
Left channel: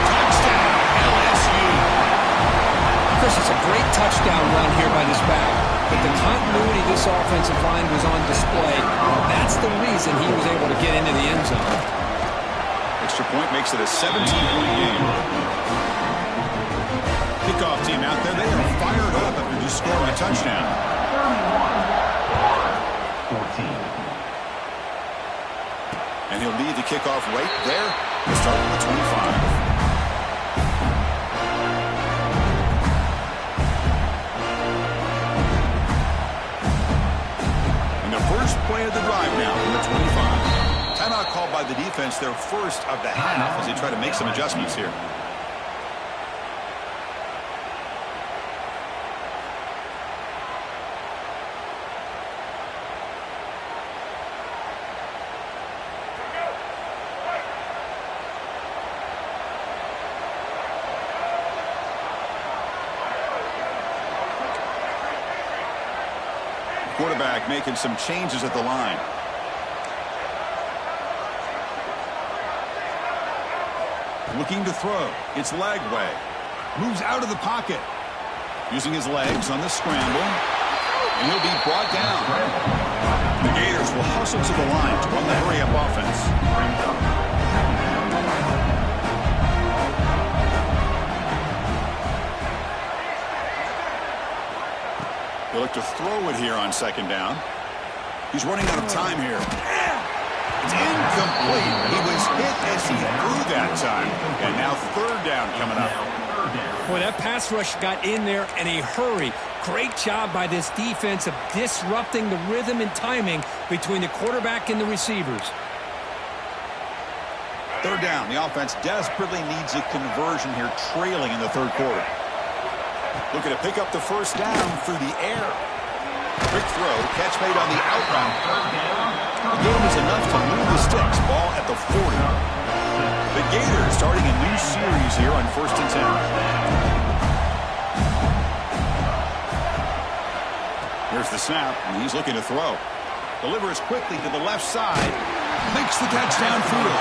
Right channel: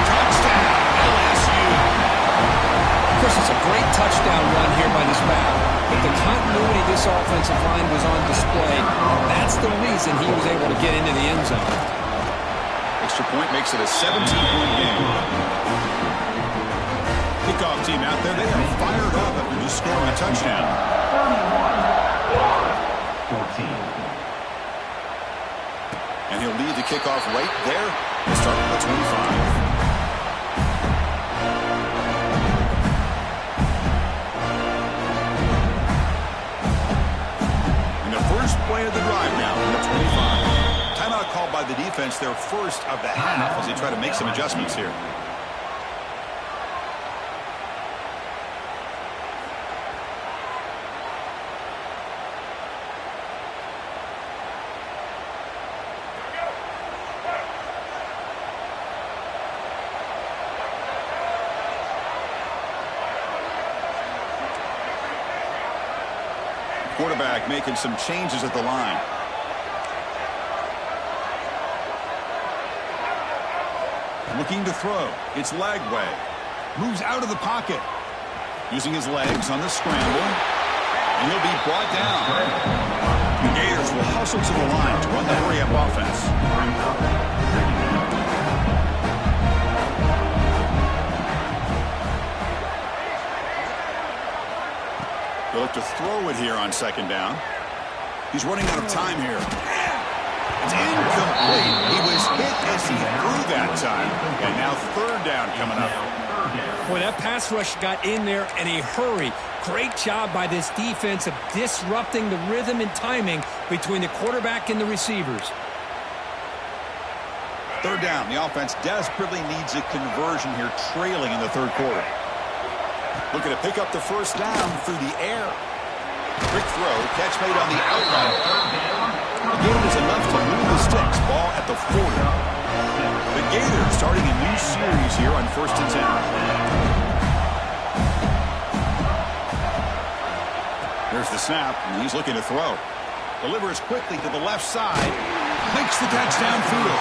Touchdown, LSU. Chris, it's a great touchdown run here by this back. But the continuity of this offensive line was on display. That's the reason he was able to get into the end zone. Extra point makes it a 17-point game. Kickoff team out there, they are fired up after just scoring a touchdown. 31-14. And he'll lead the kickoff right there. He'll start with the 25. And the first play of the drive now from the 25. Timeout called by the defense, their first of the half as they try to make some adjustments here. Quarterback making some changes at the line. Looking to throw. It's Lagway. Moves out of the pocket. Using his legs on the scramble. And he'll be brought down. The Gators will hustle to the line to run the hurry-up offense. They'll look to throw it here on 2nd down. He's running out of time here. It's incomplete. He was hit as he threw that time. And now 3rd down coming up. Boy, that pass rush got in there in a hurry. Great job by this defense of disrupting the rhythm and timing between the quarterback and the receivers. 3rd down. The offense desperately needs a conversion here, trailing in the 3rd quarter. Looking to pick up the first down through the air. Quick throw, catch made on the out route. The gain is enough to move the sticks. Ball at the 40. The Gators starting a new series here on 1st and 10. Here's the snap, and he's looking to throw. Delivers quickly to the left side. Makes the catch downfield.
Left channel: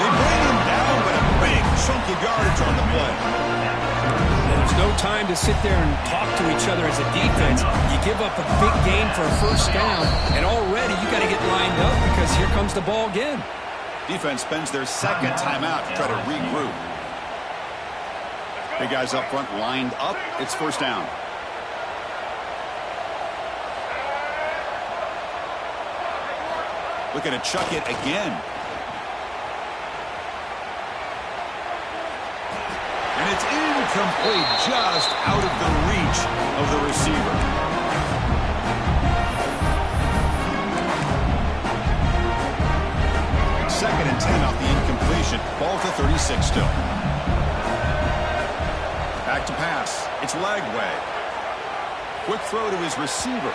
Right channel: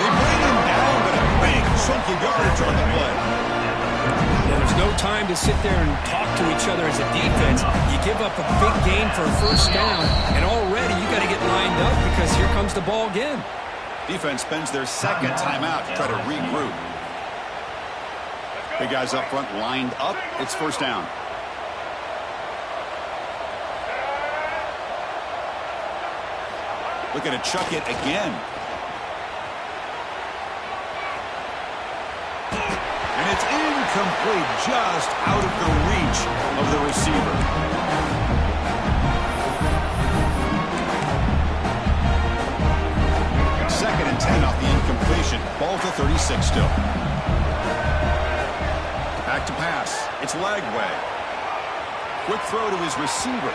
They bring him down, but a big chunk of yardage on the play. There's no time to sit there and talk to each other as a defense. You give up a big gain for a first down, and already you got to get lined up because here comes the ball again. Defense spends their 2nd timeout to try to regroup. Big guys up front lined up. It's first down. Looking to chuck it again. And it's incomplete, just out of the reach of the receiver. 2nd and 10 off the incompletion. Ball at the 36 still. Back to pass. It's Lagway. Quick throw to his receiver.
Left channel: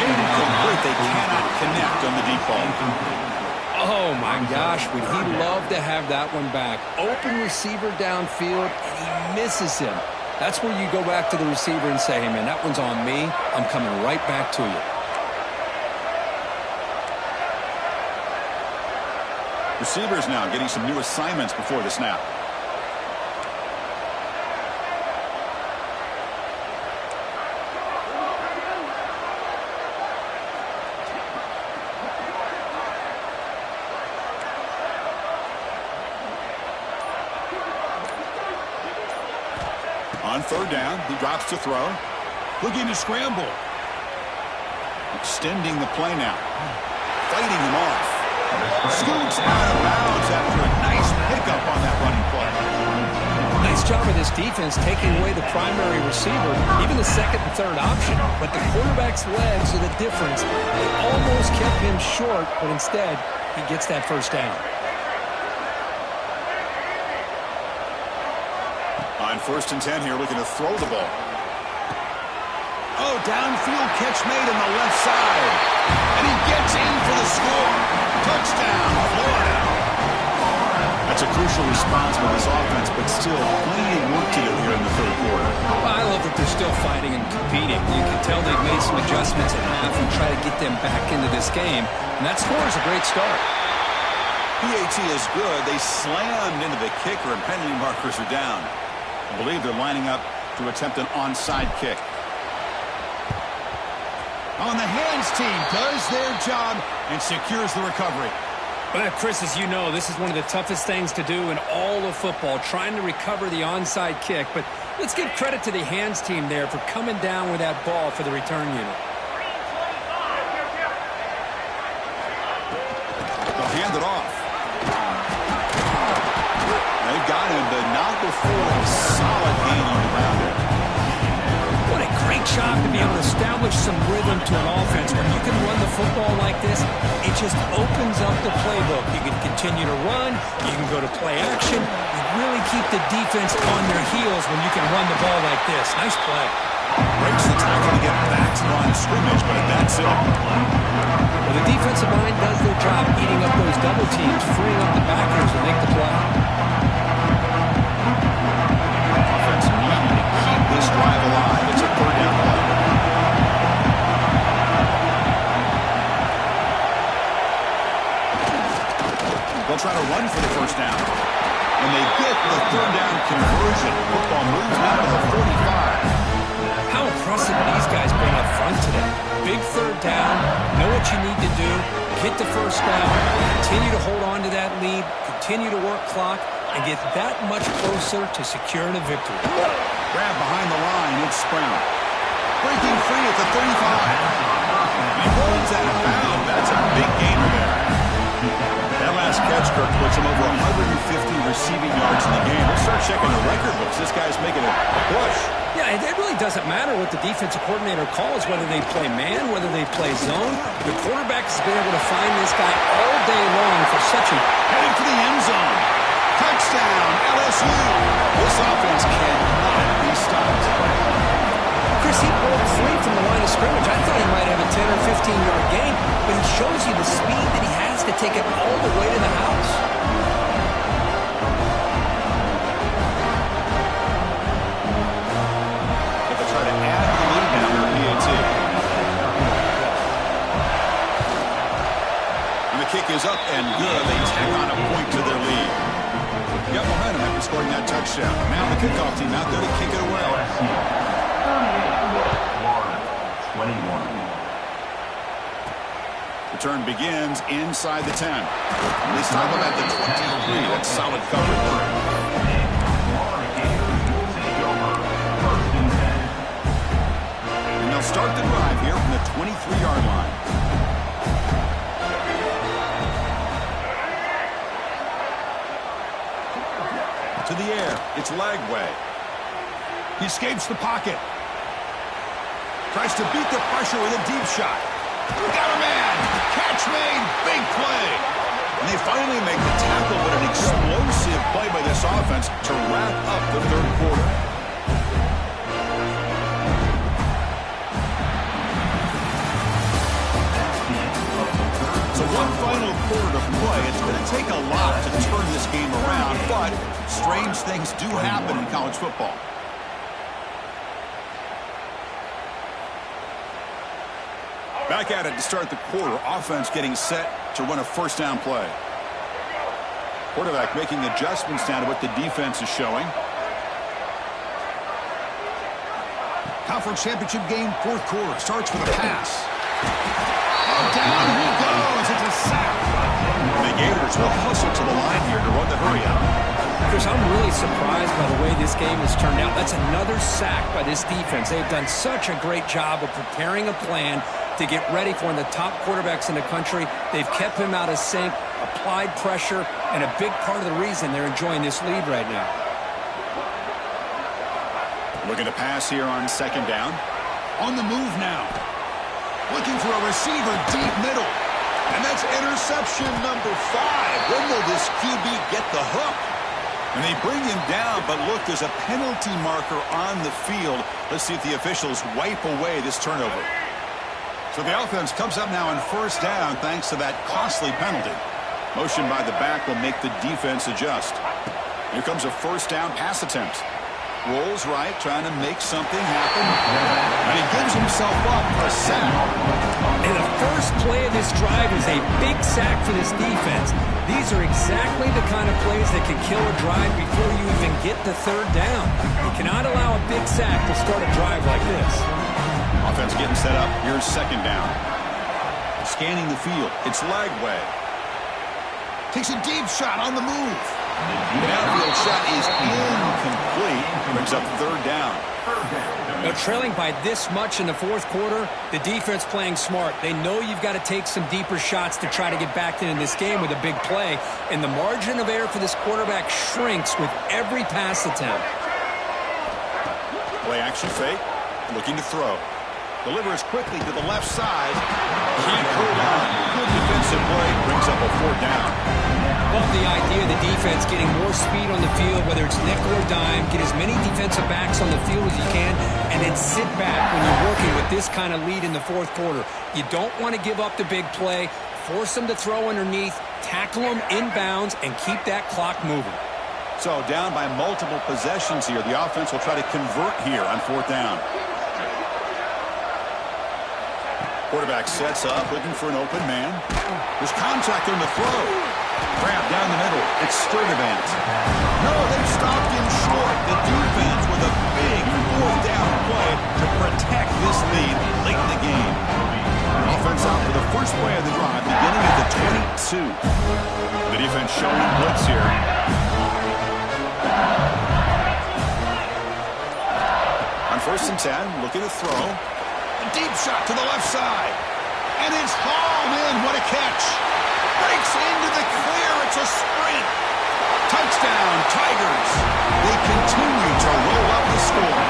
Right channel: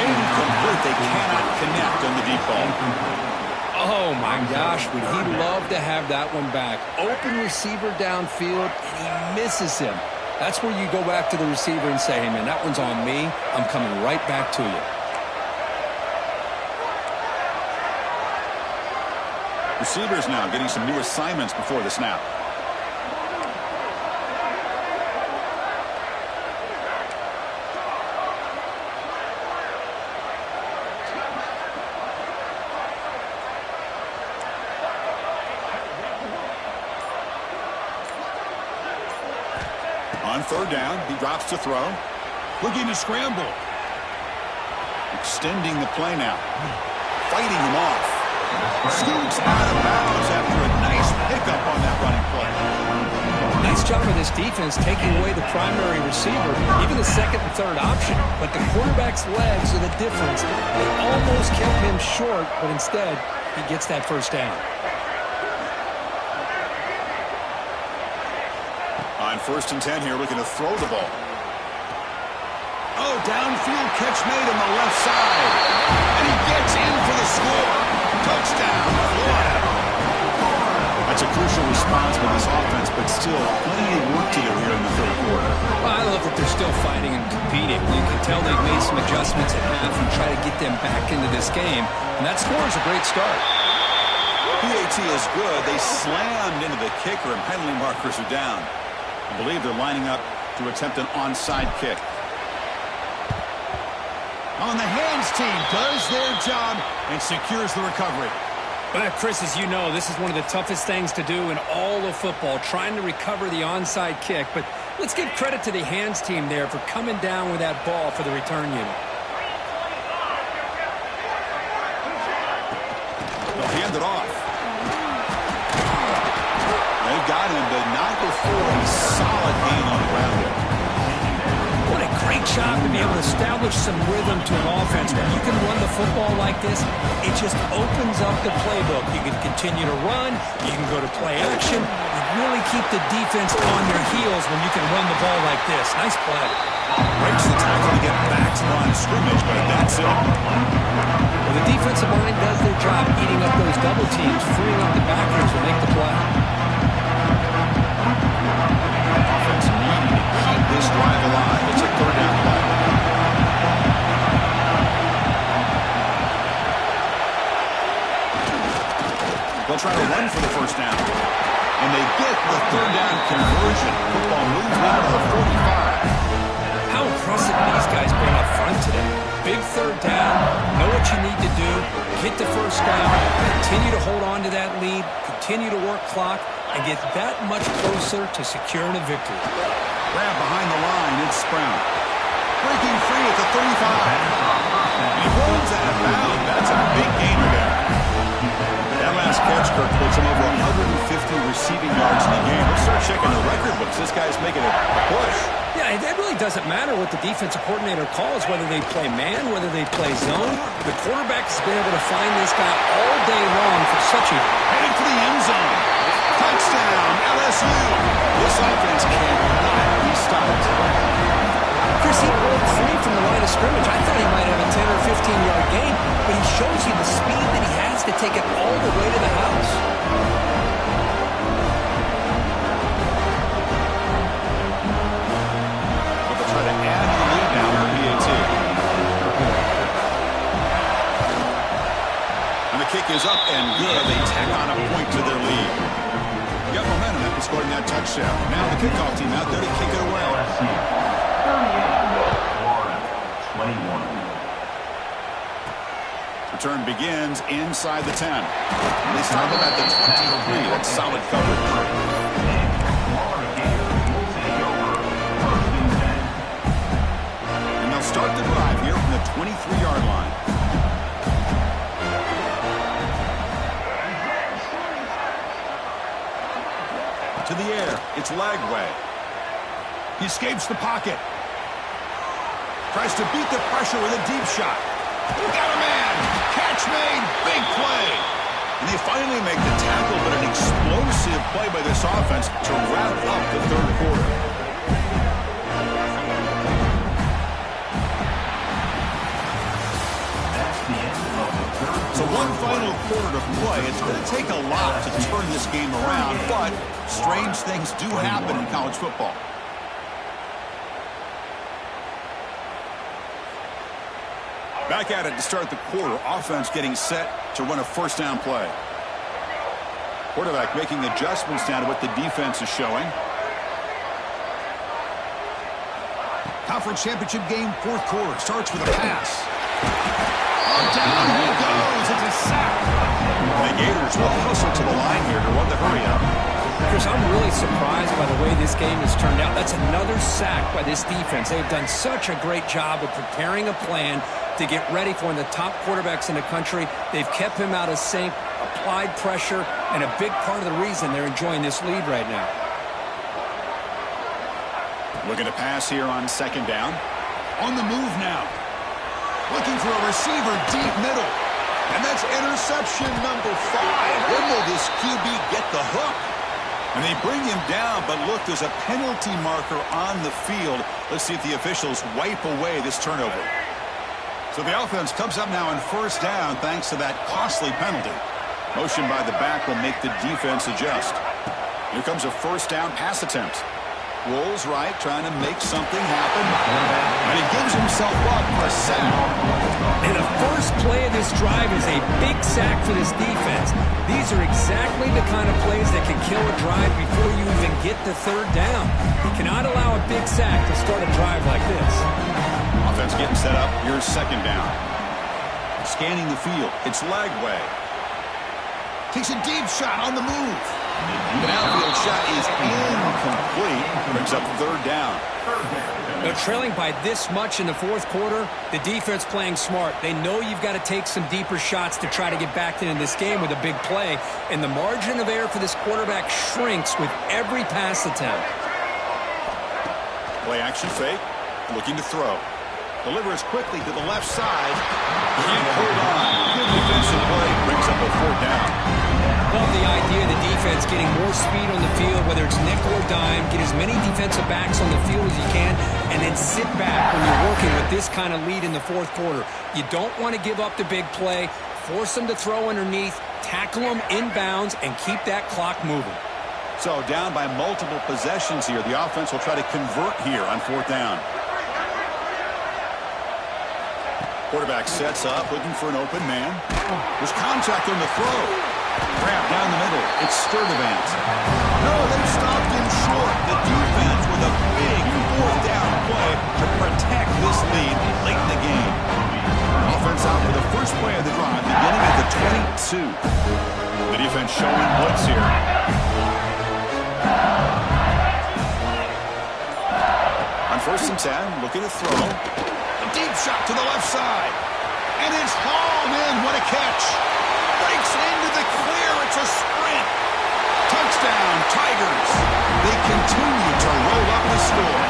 Incomplete. They cannot connect on the deep ball. Oh, my gosh. Would he love to have that one back. Open receiver downfield, and he misses him. That's where you go back to the receiver and say, hey, man, that one's on me. I'm coming right back to you. Receivers now getting some new assignments before the snap. On 3rd down, he drops to throw. Looking to scramble. Extending the play now. Fighting him off. Scoots out of bounds after a nice pickup on that running play. Nice job of this defense taking away the primary receiver, even the 2nd and 3rd option. But the quarterback's legs are the difference. They almost kept him short, but instead, he gets that 1st down. On 1st and 10 here, looking to throw the ball. Oh, downfield catch made on the left side. And he gets in for the score. Touchdown, Florida. That's a crucial response by this offense, but still plenty of work to do here in the 3rd quarter. Well, I love that they're still fighting and competing. You can tell they've made some adjustments at half and try to get them back into this game. And that score is a great start. PAT is good. They slammed into the kicker, and penalty markers are down. I believe they're lining up to attempt an onside kick. On the hands team does their job and secures the recovery. Well, Chris, as you know, this is one of the toughest things to do in all of football, trying to recover the onside kick. But let's give credit to the hands team there for coming down with that ball for the return unit. They'll hand it off. They've got him, but not before a solid gain on the ground there. What a great job to be able to establish some rhythm to an offense. When you can run the football like this, it just opens up the playbook. You can continue to run. You can go to play action. You really keep the defense on their heels when you can run the ball like this. Nice play. Breaks the tackle to get back to the line of scrimmage, but that's it. Well, the defensive line does their job eating up those double teams, freeing up the backers to make the play. Offense needing to keep this drive alive. It's a 3rd down play. They'll try to run for the 1st down. And they get the 3rd down conversion. Football moves now to the 45. How impressive these guys been up front today. Big 3rd down, know what you need to do, get the 1st down, continue to hold on to that lead, continue to work clock, and get that much closer to securing a victory. Grab behind the line, it's Brown. Breaking free at the 35. And he rolls out of bounds. That's a big gainer there. That last catch, Kirk, puts him over 150 receiving yards in the game. We'll start checking the record books. This guy's making a push. Yeah, it really doesn't matter what the defensive coordinator calls, whether they play man, whether they play zone. The quarterback has been able to find this guy all day long for such a... Heading for the end zone. Touchdown, LSU. This offense cannot be stopped. Chris, he broke free from the line of scrimmage. I thought he might have a 10 or 15-yard gain, but he shows you the speed that he has to take it all the way to the house. So they'll try to add the lead now for PAT. And the kick is up and good. They tack on a point to their lead. Got momentum after scoring that touchdown. Now the kickoff team out there to kick it away. 21. Return begins inside the 10. They stop him at the 23. That's solid coverage. And they'll start the drive here from the 23-yard line. To the air, it's Lagway. He escapes the pocket. Tries to beat the pressure with a deep shot. Got a man. Catch made. Big play. And they finally make the tackle, but an explosive play by this offense to wrap up the third quarter. So one final quarter to play. It's going to take a lot to turn this game around, but strange things do happen in college football. Back at it to start the quarter. Offense getting set to run a first down play. Quarterback making adjustments now to what the defense is showing. Conference championship game, fourth quarter. Starts with a pass. Oh, down he goes. It's a sack. The Gators will hustle to the line here to run the hurry up. Chris, I'm really surprised by the way this game has turned out. That's another sack by this defense. They've done such a great job of preparing a plan to get ready for one of the top quarterbacks in the country. They've kept him out of sync, applied pressure, and a big part of the reason they're enjoying this lead right now. Looking to pass here on second down. On the move now. Looking for a receiver deep middle. And that's interception number 5. When will this QB get the hook? And they bring him down, but look, there's a penalty marker on the field. Let's see if the officials wipe away this turnover. So the offense comes up now on first down thanks to that costly penalty. Motion by the back will make the defense adjust. Here comes a first down pass attempt. Rolls right, trying to make something happen. And he gives himself up for a sack. And the first play of this drive is a big sack for this defense. These are exactly the kind of plays that can kill a drive before you even get the third down. You cannot allow a big sack to start a drive like this. Offense getting set up. Here's second down. Scanning the field. It's Lagway. Takes a deep shot on the move. The downfield shot is incomplete. Brings up third down. Now, trailing by this much in the fourth quarter, the defense playing smart. They know you've got to take some deeper shots to try to get back into this game with a big play. And the margin of error for this quarterback shrinks with every pass attempt. Play action fake. Looking to throw. Delivers quickly to the left side. Can't hold on. Good defensive play. Brings up a fourth down. Love the idea of the defense getting more speed on the field, whether it's nickel or dime. Get as many defensive backs on the field as you can, and then sit back when you're working with this kind of lead in the fourth quarter. You don't want to give up the big play. Force them to throw underneath. Tackle them inbounds, and keep that clock moving. So down by multiple possessions here. The offense will try to convert here on fourth down. Quarterback sets up, looking for an open man. There's contact on the throw. Grab down the middle. It's Sturdivant. No, they've stopped him short. The defense with a big fourth down play to protect this lead late in the game. Offense out for the first play of the drive, beginning at the 22. The defense showing blitz here. On first and 10, looking to throw. A deep shot to the left side. And it's hauled in. What a catch. Breaks into the clear. It's a sprint. Touchdown, Tigers. They continue to roll up the score.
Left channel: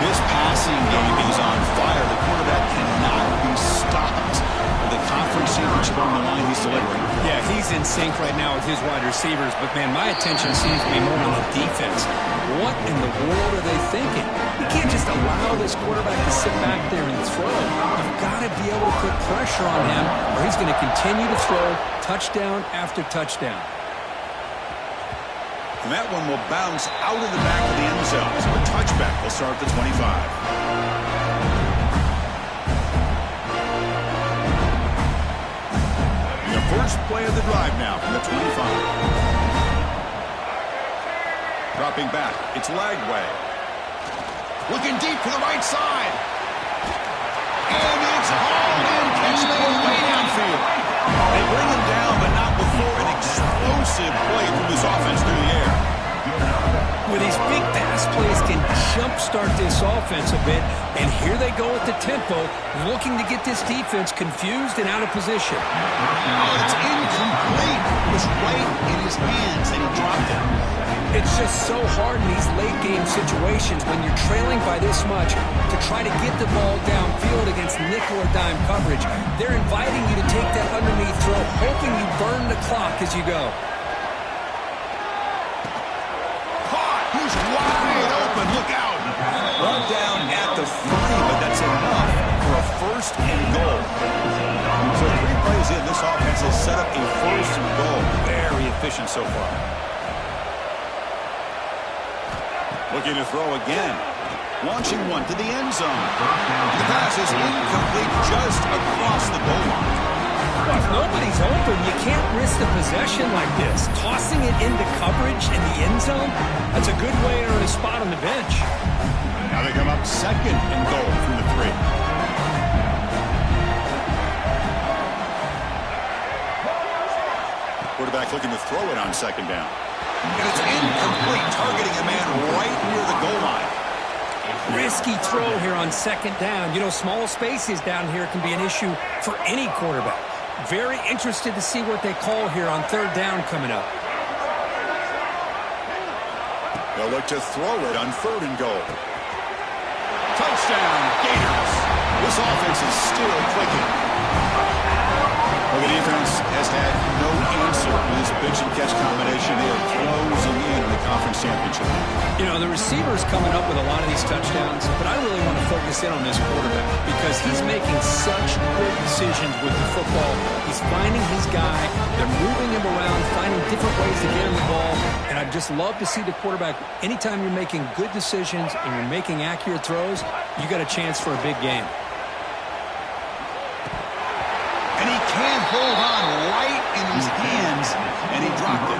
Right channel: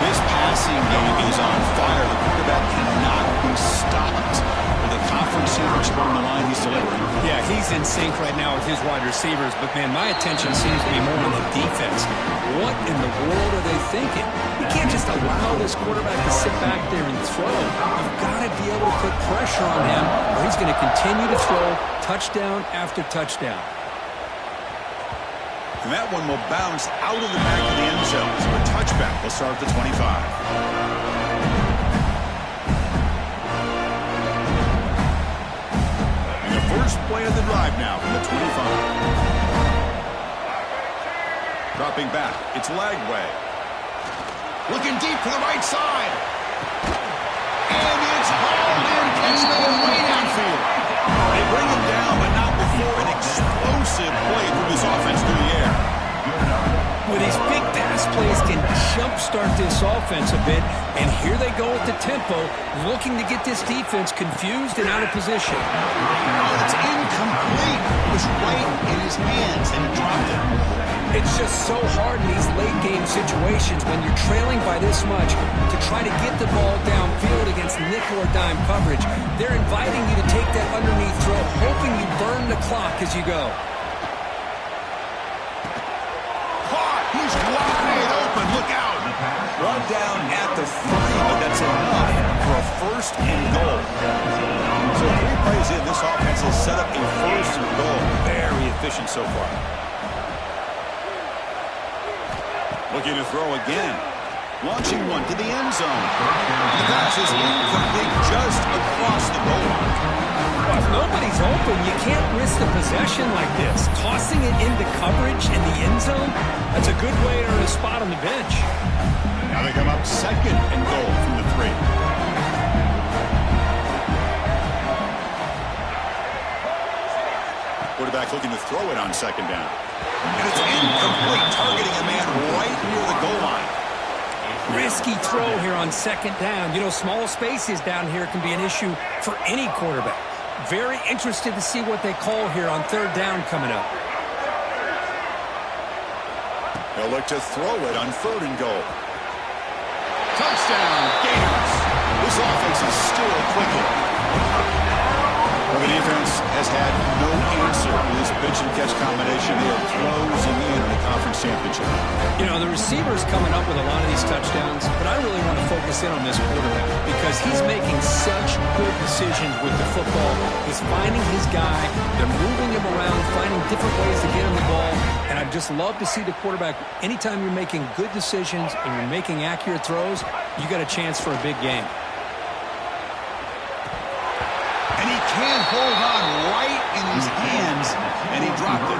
This passing game is on fire. The quarterback cannot be stopped. With the conference championship on the line, he's delivering. Yeah, he's in sync right now with his wide receivers. But, man, my attention seems to be more on the defense. What in the world are they thinking? You can't just allow this quarterback to sit back there and throw. You've got to be able to put pressure on him, or he's going to continue to throw touchdown after touchdown. And that one will bounce out of the back of the end zone. So a touchback will start at the 25. The first play of the drive now from the 25. Dropping back, it's Lagway. Looking deep to the right side. And it's hauled in, catch made way downfield. They bring him down, but not before an explosive play through this offense through the air. Well, these big pass plays can jumpstart this offense a bit, and here they go with the tempo, looking to get this defense confused and out of position. Oh, it's incomplete. It was right in his hands, and he dropped it. It's just so hard in these late-game situations when you're trailing by this much to try to get the ball downfield against nickel or dime coverage. They're inviting you to take that underneath throw, hoping you burn the clock as you go. He's wide open. Look out. One down at the 30, but that's enough for a first and goal. So 3 plays in, this offense has set up a first and goal. Very efficient so far. Looking to throw again. Launching one to the end zone. The pass is incomplete just across the goal line. If nobody's open, you can't risk the possession like this. Tossing it into coverage in the end zone, that's a good way to earn a spot on the bench. Now they come up second and goal from the 3. Quarterback looking to throw it on second down. And it's incomplete, targeting a man right near the goal line. Risky throw here on second down. You know, small spaces down here can be an issue for any quarterback. Very interested to see what they call here on third down coming up. They'll look to throw it on third and goal. Touchdown, Gators. This offense is still clicking. Well, the defense has had no answer with this pitch and catch combination. They are closing in on the conference championship. You know, the receiver's coming up with a lot of these touchdowns, but I really want to focus in on this quarterback because he's making such good decisions with the football. He's finding his guy. They're moving him around, finding different ways to get him the ball, and I'd just love to see the quarterback. Anytime you're making good decisions and you're making accurate throws, you got a chance for a big game. And he can't hold on right in his hands, and he dropped it.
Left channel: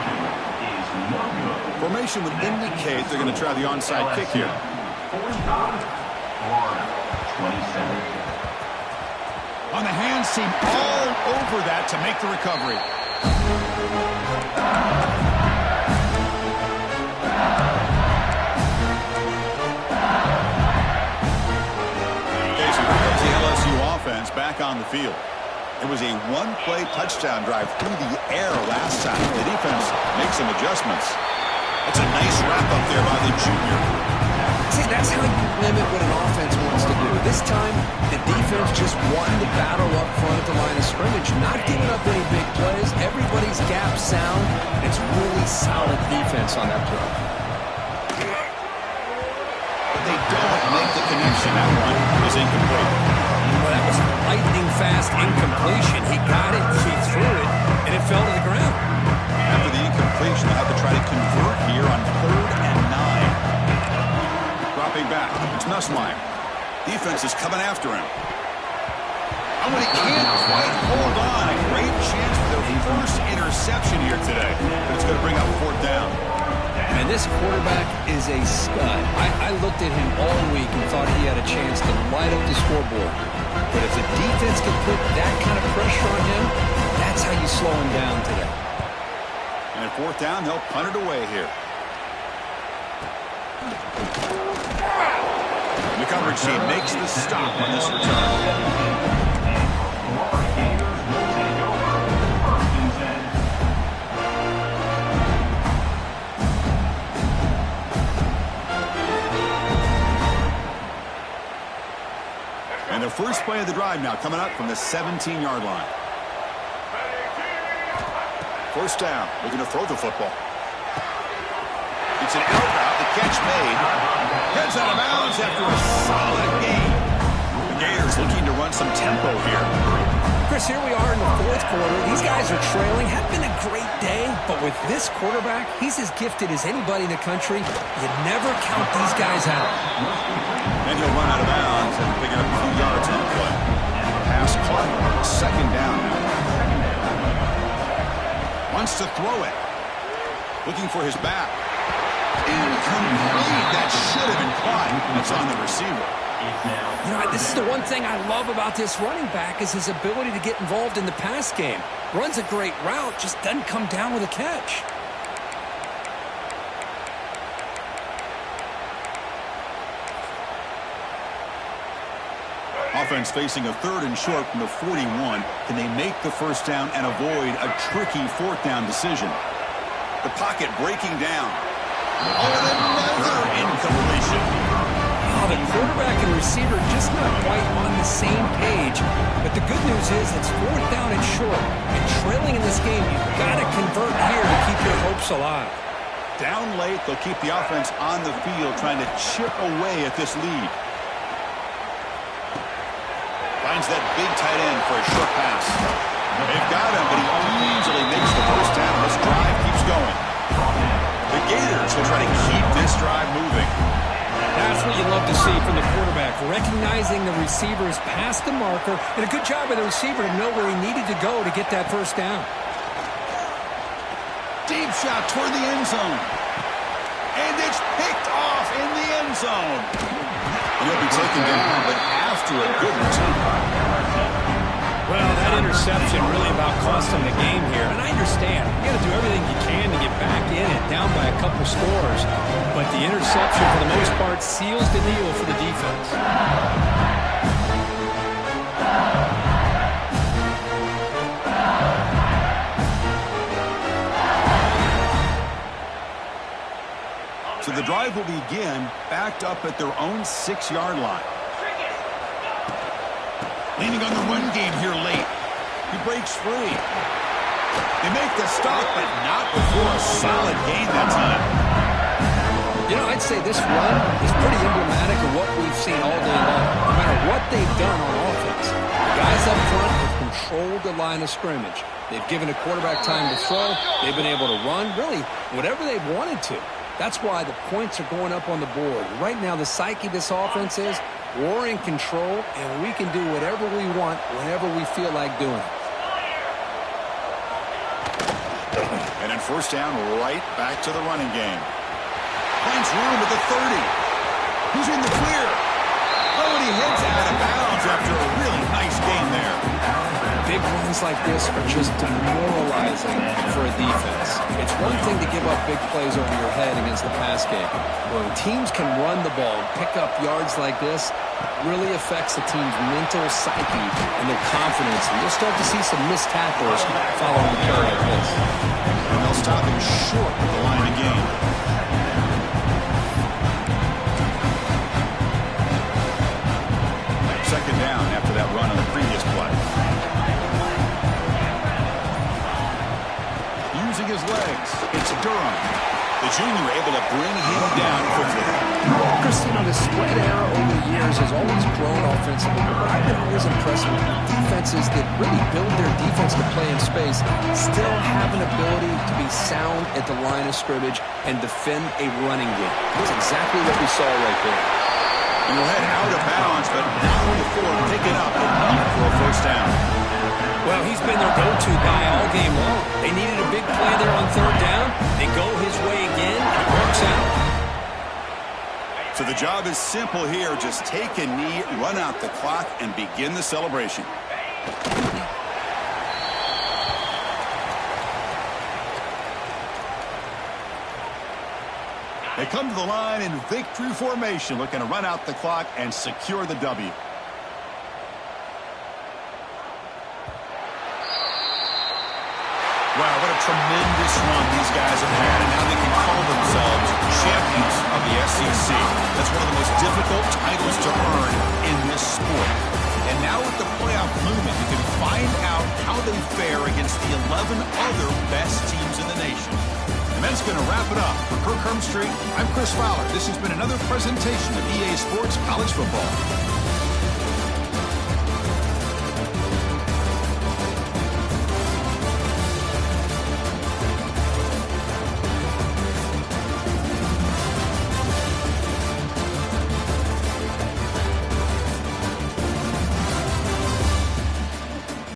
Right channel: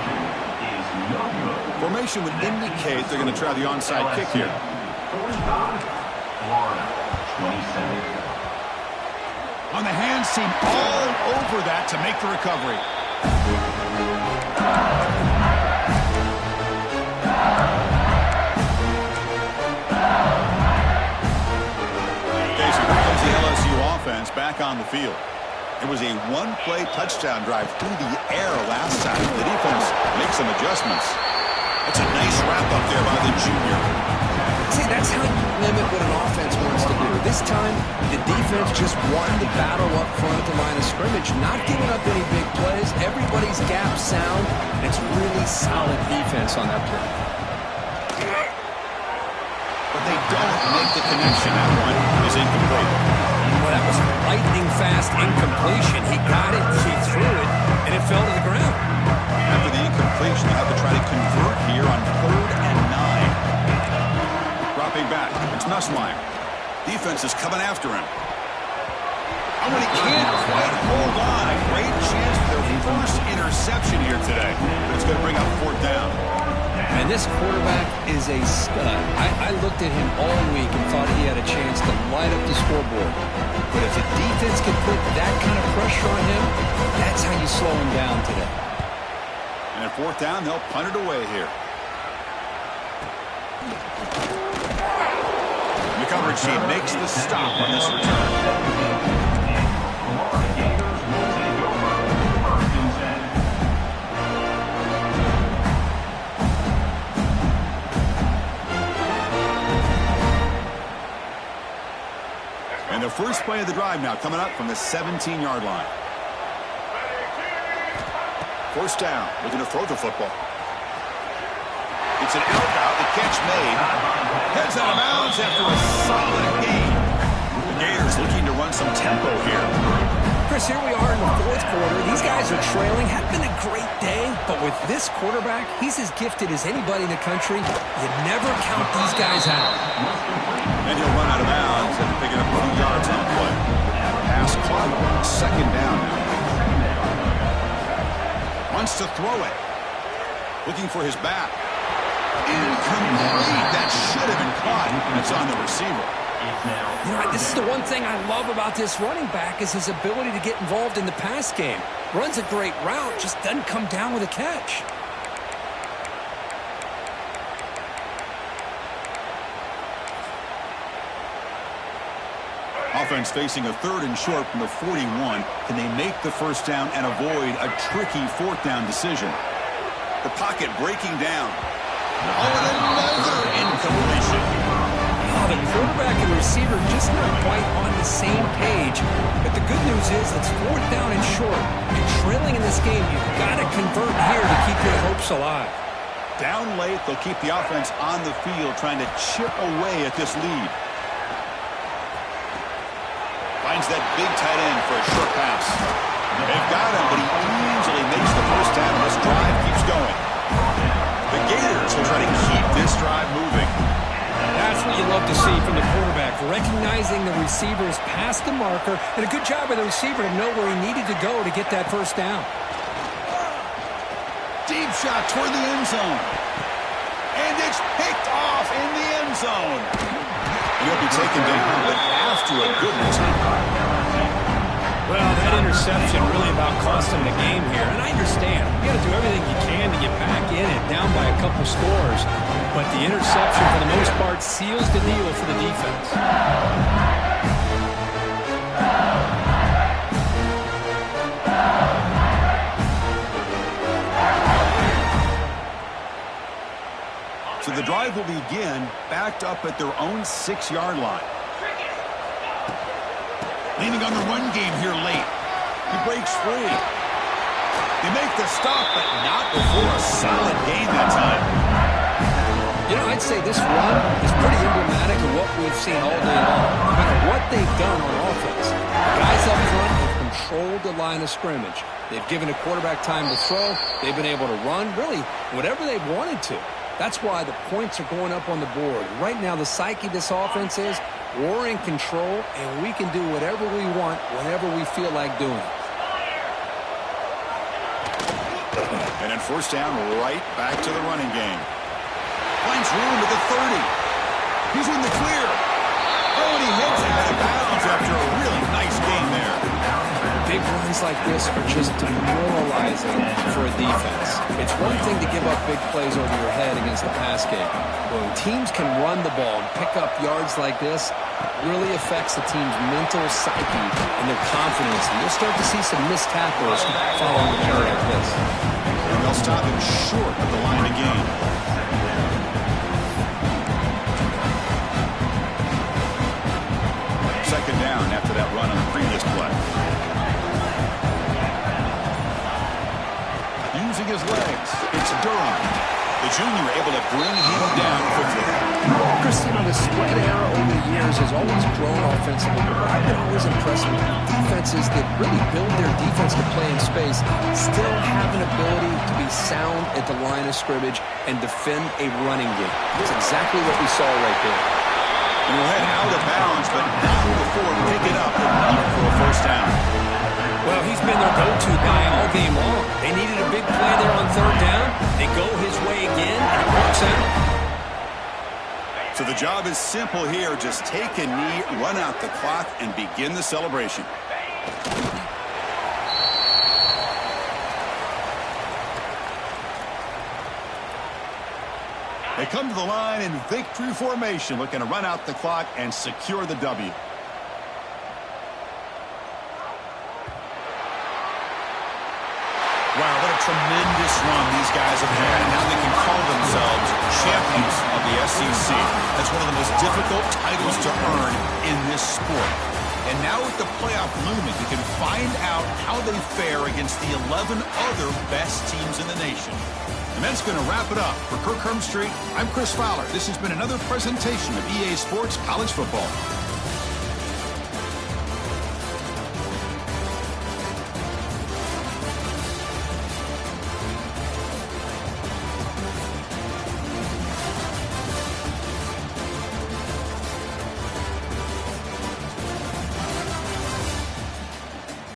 Formation would indicate they're going to try the onside kick here. Florida, 27. On the hands team, all over that to make the recovery. Okay, so here comes the LSU offense back on the field. It was a one-play touchdown drive through the air last time. The defense makes some adjustments. That's a nice wrap-up there by the junior. See, that's how you limit what an offense wants to do. This time, the defense just won the battle up front at the line of scrimmage, not giving up any big plays. Everybody's gap sound. It's really solid defense on that play. But they don't make the connection. That one is incomplete. Well, that was lightning-fast incompletion. He got it, he threw it, and it fell to the ground. After the incompletion, they'll have to try to convert here on 3rd and 9. Dropping back, it's Nussmeier. Defense is coming after him. Oh, and he can't quite hold on. A great chance for their first interception here today. But it's going to bring up 4th down. And this quarterback is a stud. I looked at him all week and thought he had a chance to light up the scoreboard. But if the defense can put that kind of pressure on him, that's how you slow him down today. And at 4th down, they'll punt it away here. And the coverage team makes the stop on this return. And the first play of the drive now coming up from the 17-yard line. 1st down, looking to throw the football. It's an out route, the catch made. Heads out of bounds after a solid gain. The Gators looking to run some tempo here. Chris, here we are in the 4th quarter. These guys are trailing. Had been a great day, but with this quarterback, he's as gifted as anybody in the country. You never count these guys out. And he'll run out of bounds after picking up a few yards on the play. Pass caught. 2nd down now. Wants to throw it. Looking for his back. Incomplete. That should have been caught. That's on the receiver. You know, this is the one thing I love about this running back is his ability to get involved in the pass game. Runs a great route, just doesn't come down with a catch. Offense facing a 3rd and short from the 41. Can they make the first down and avoid a tricky 4th down decision? The pocket breaking down. Oh, and another incompletion. Oh, the quarterback and receiver just not quite on the same page. But the good news is it's 4th down and short. And trailing in this game, you've got to convert here to keep your hopes alive. Down late, they'll keep the offense on the field trying to chip away at this lead. Finds that big tight end for a short pass. They've got him, but he easily makes the first down, and this drive keeps going. The Gators will try to keep this drive moving. That's what you love to see from the quarterback, recognizing the receiver is past the marker, and a good job by the receiver to know where he needed to go to get that first down. Deep shot toward the end zone. And it's picked off in the end zone. He'll be taken down, but after a good return. Well, that interception really about cost him the game here. And I understand. You got to do everything you can to get back in it, down by a couple scores. But the interception, for the most part, seals the deal for the defense. So the drive will begin backed up at their own 6-yard line. Leaning on the run game here late. He breaks free. They make the stop, but not before a solid gain that time. You know, I'd say this run is pretty emblematic of what we've seen all day long. No matter what they've done on offense, the guys up front have controlled the line of scrimmage. They've given the quarterback time to throw. They've been able to run, really, whatever they've wanted to. That's why the points are going up on the board. Right now, the psyche of this offense is we're in control, and we can do whatever we want whenever we feel like doing it. And then first down, right back to the running game. Finds room at the 30. He's in the clear. Oh, and he heads out of bounds after a really nice game there. Big runs like this are just demoralizing for a defense. It's one thing to give up big plays over your head against the pass game. But when teams can run the ball and pick up yards like this, it really affects the team's mental psyche and their confidence. And you'll start to see some missed tackles following a play like this. And they'll stop him short of the line of game. Second down after that run on the previous play. Using his legs, it's Durham. The junior able to bring him down quickly. Chris, you know, the spread era over the years has always grown offensively, but I've been always impressed with defenses that really build their defense to play in space, still have an ability to be sound at the line of scrimmage and defend a running game. That's exactly what we saw right there. He will head out of bounds, but not before picking up enough for a first down. Well, he's been their go-to guy all game long. They needed a big play there on third down. They go his way again, and it works out. So the job is simple here. Just take a knee, run out the clock, and begin the celebration. They come to the line in victory formation, looking to run out the clock and secure the W. Wow, what a tremendous run these guys have had, and now they can call themselves champions of the SEC. That's one of the most difficult titles to earn in this sport. And now with the playoff looming, you can find out how they fare against the 11 other best teams in the nation. And that's going to wrap it up. For Kirk Hermstreet, I'm Chris Fowler. This has been another presentation of EA Sports College Football.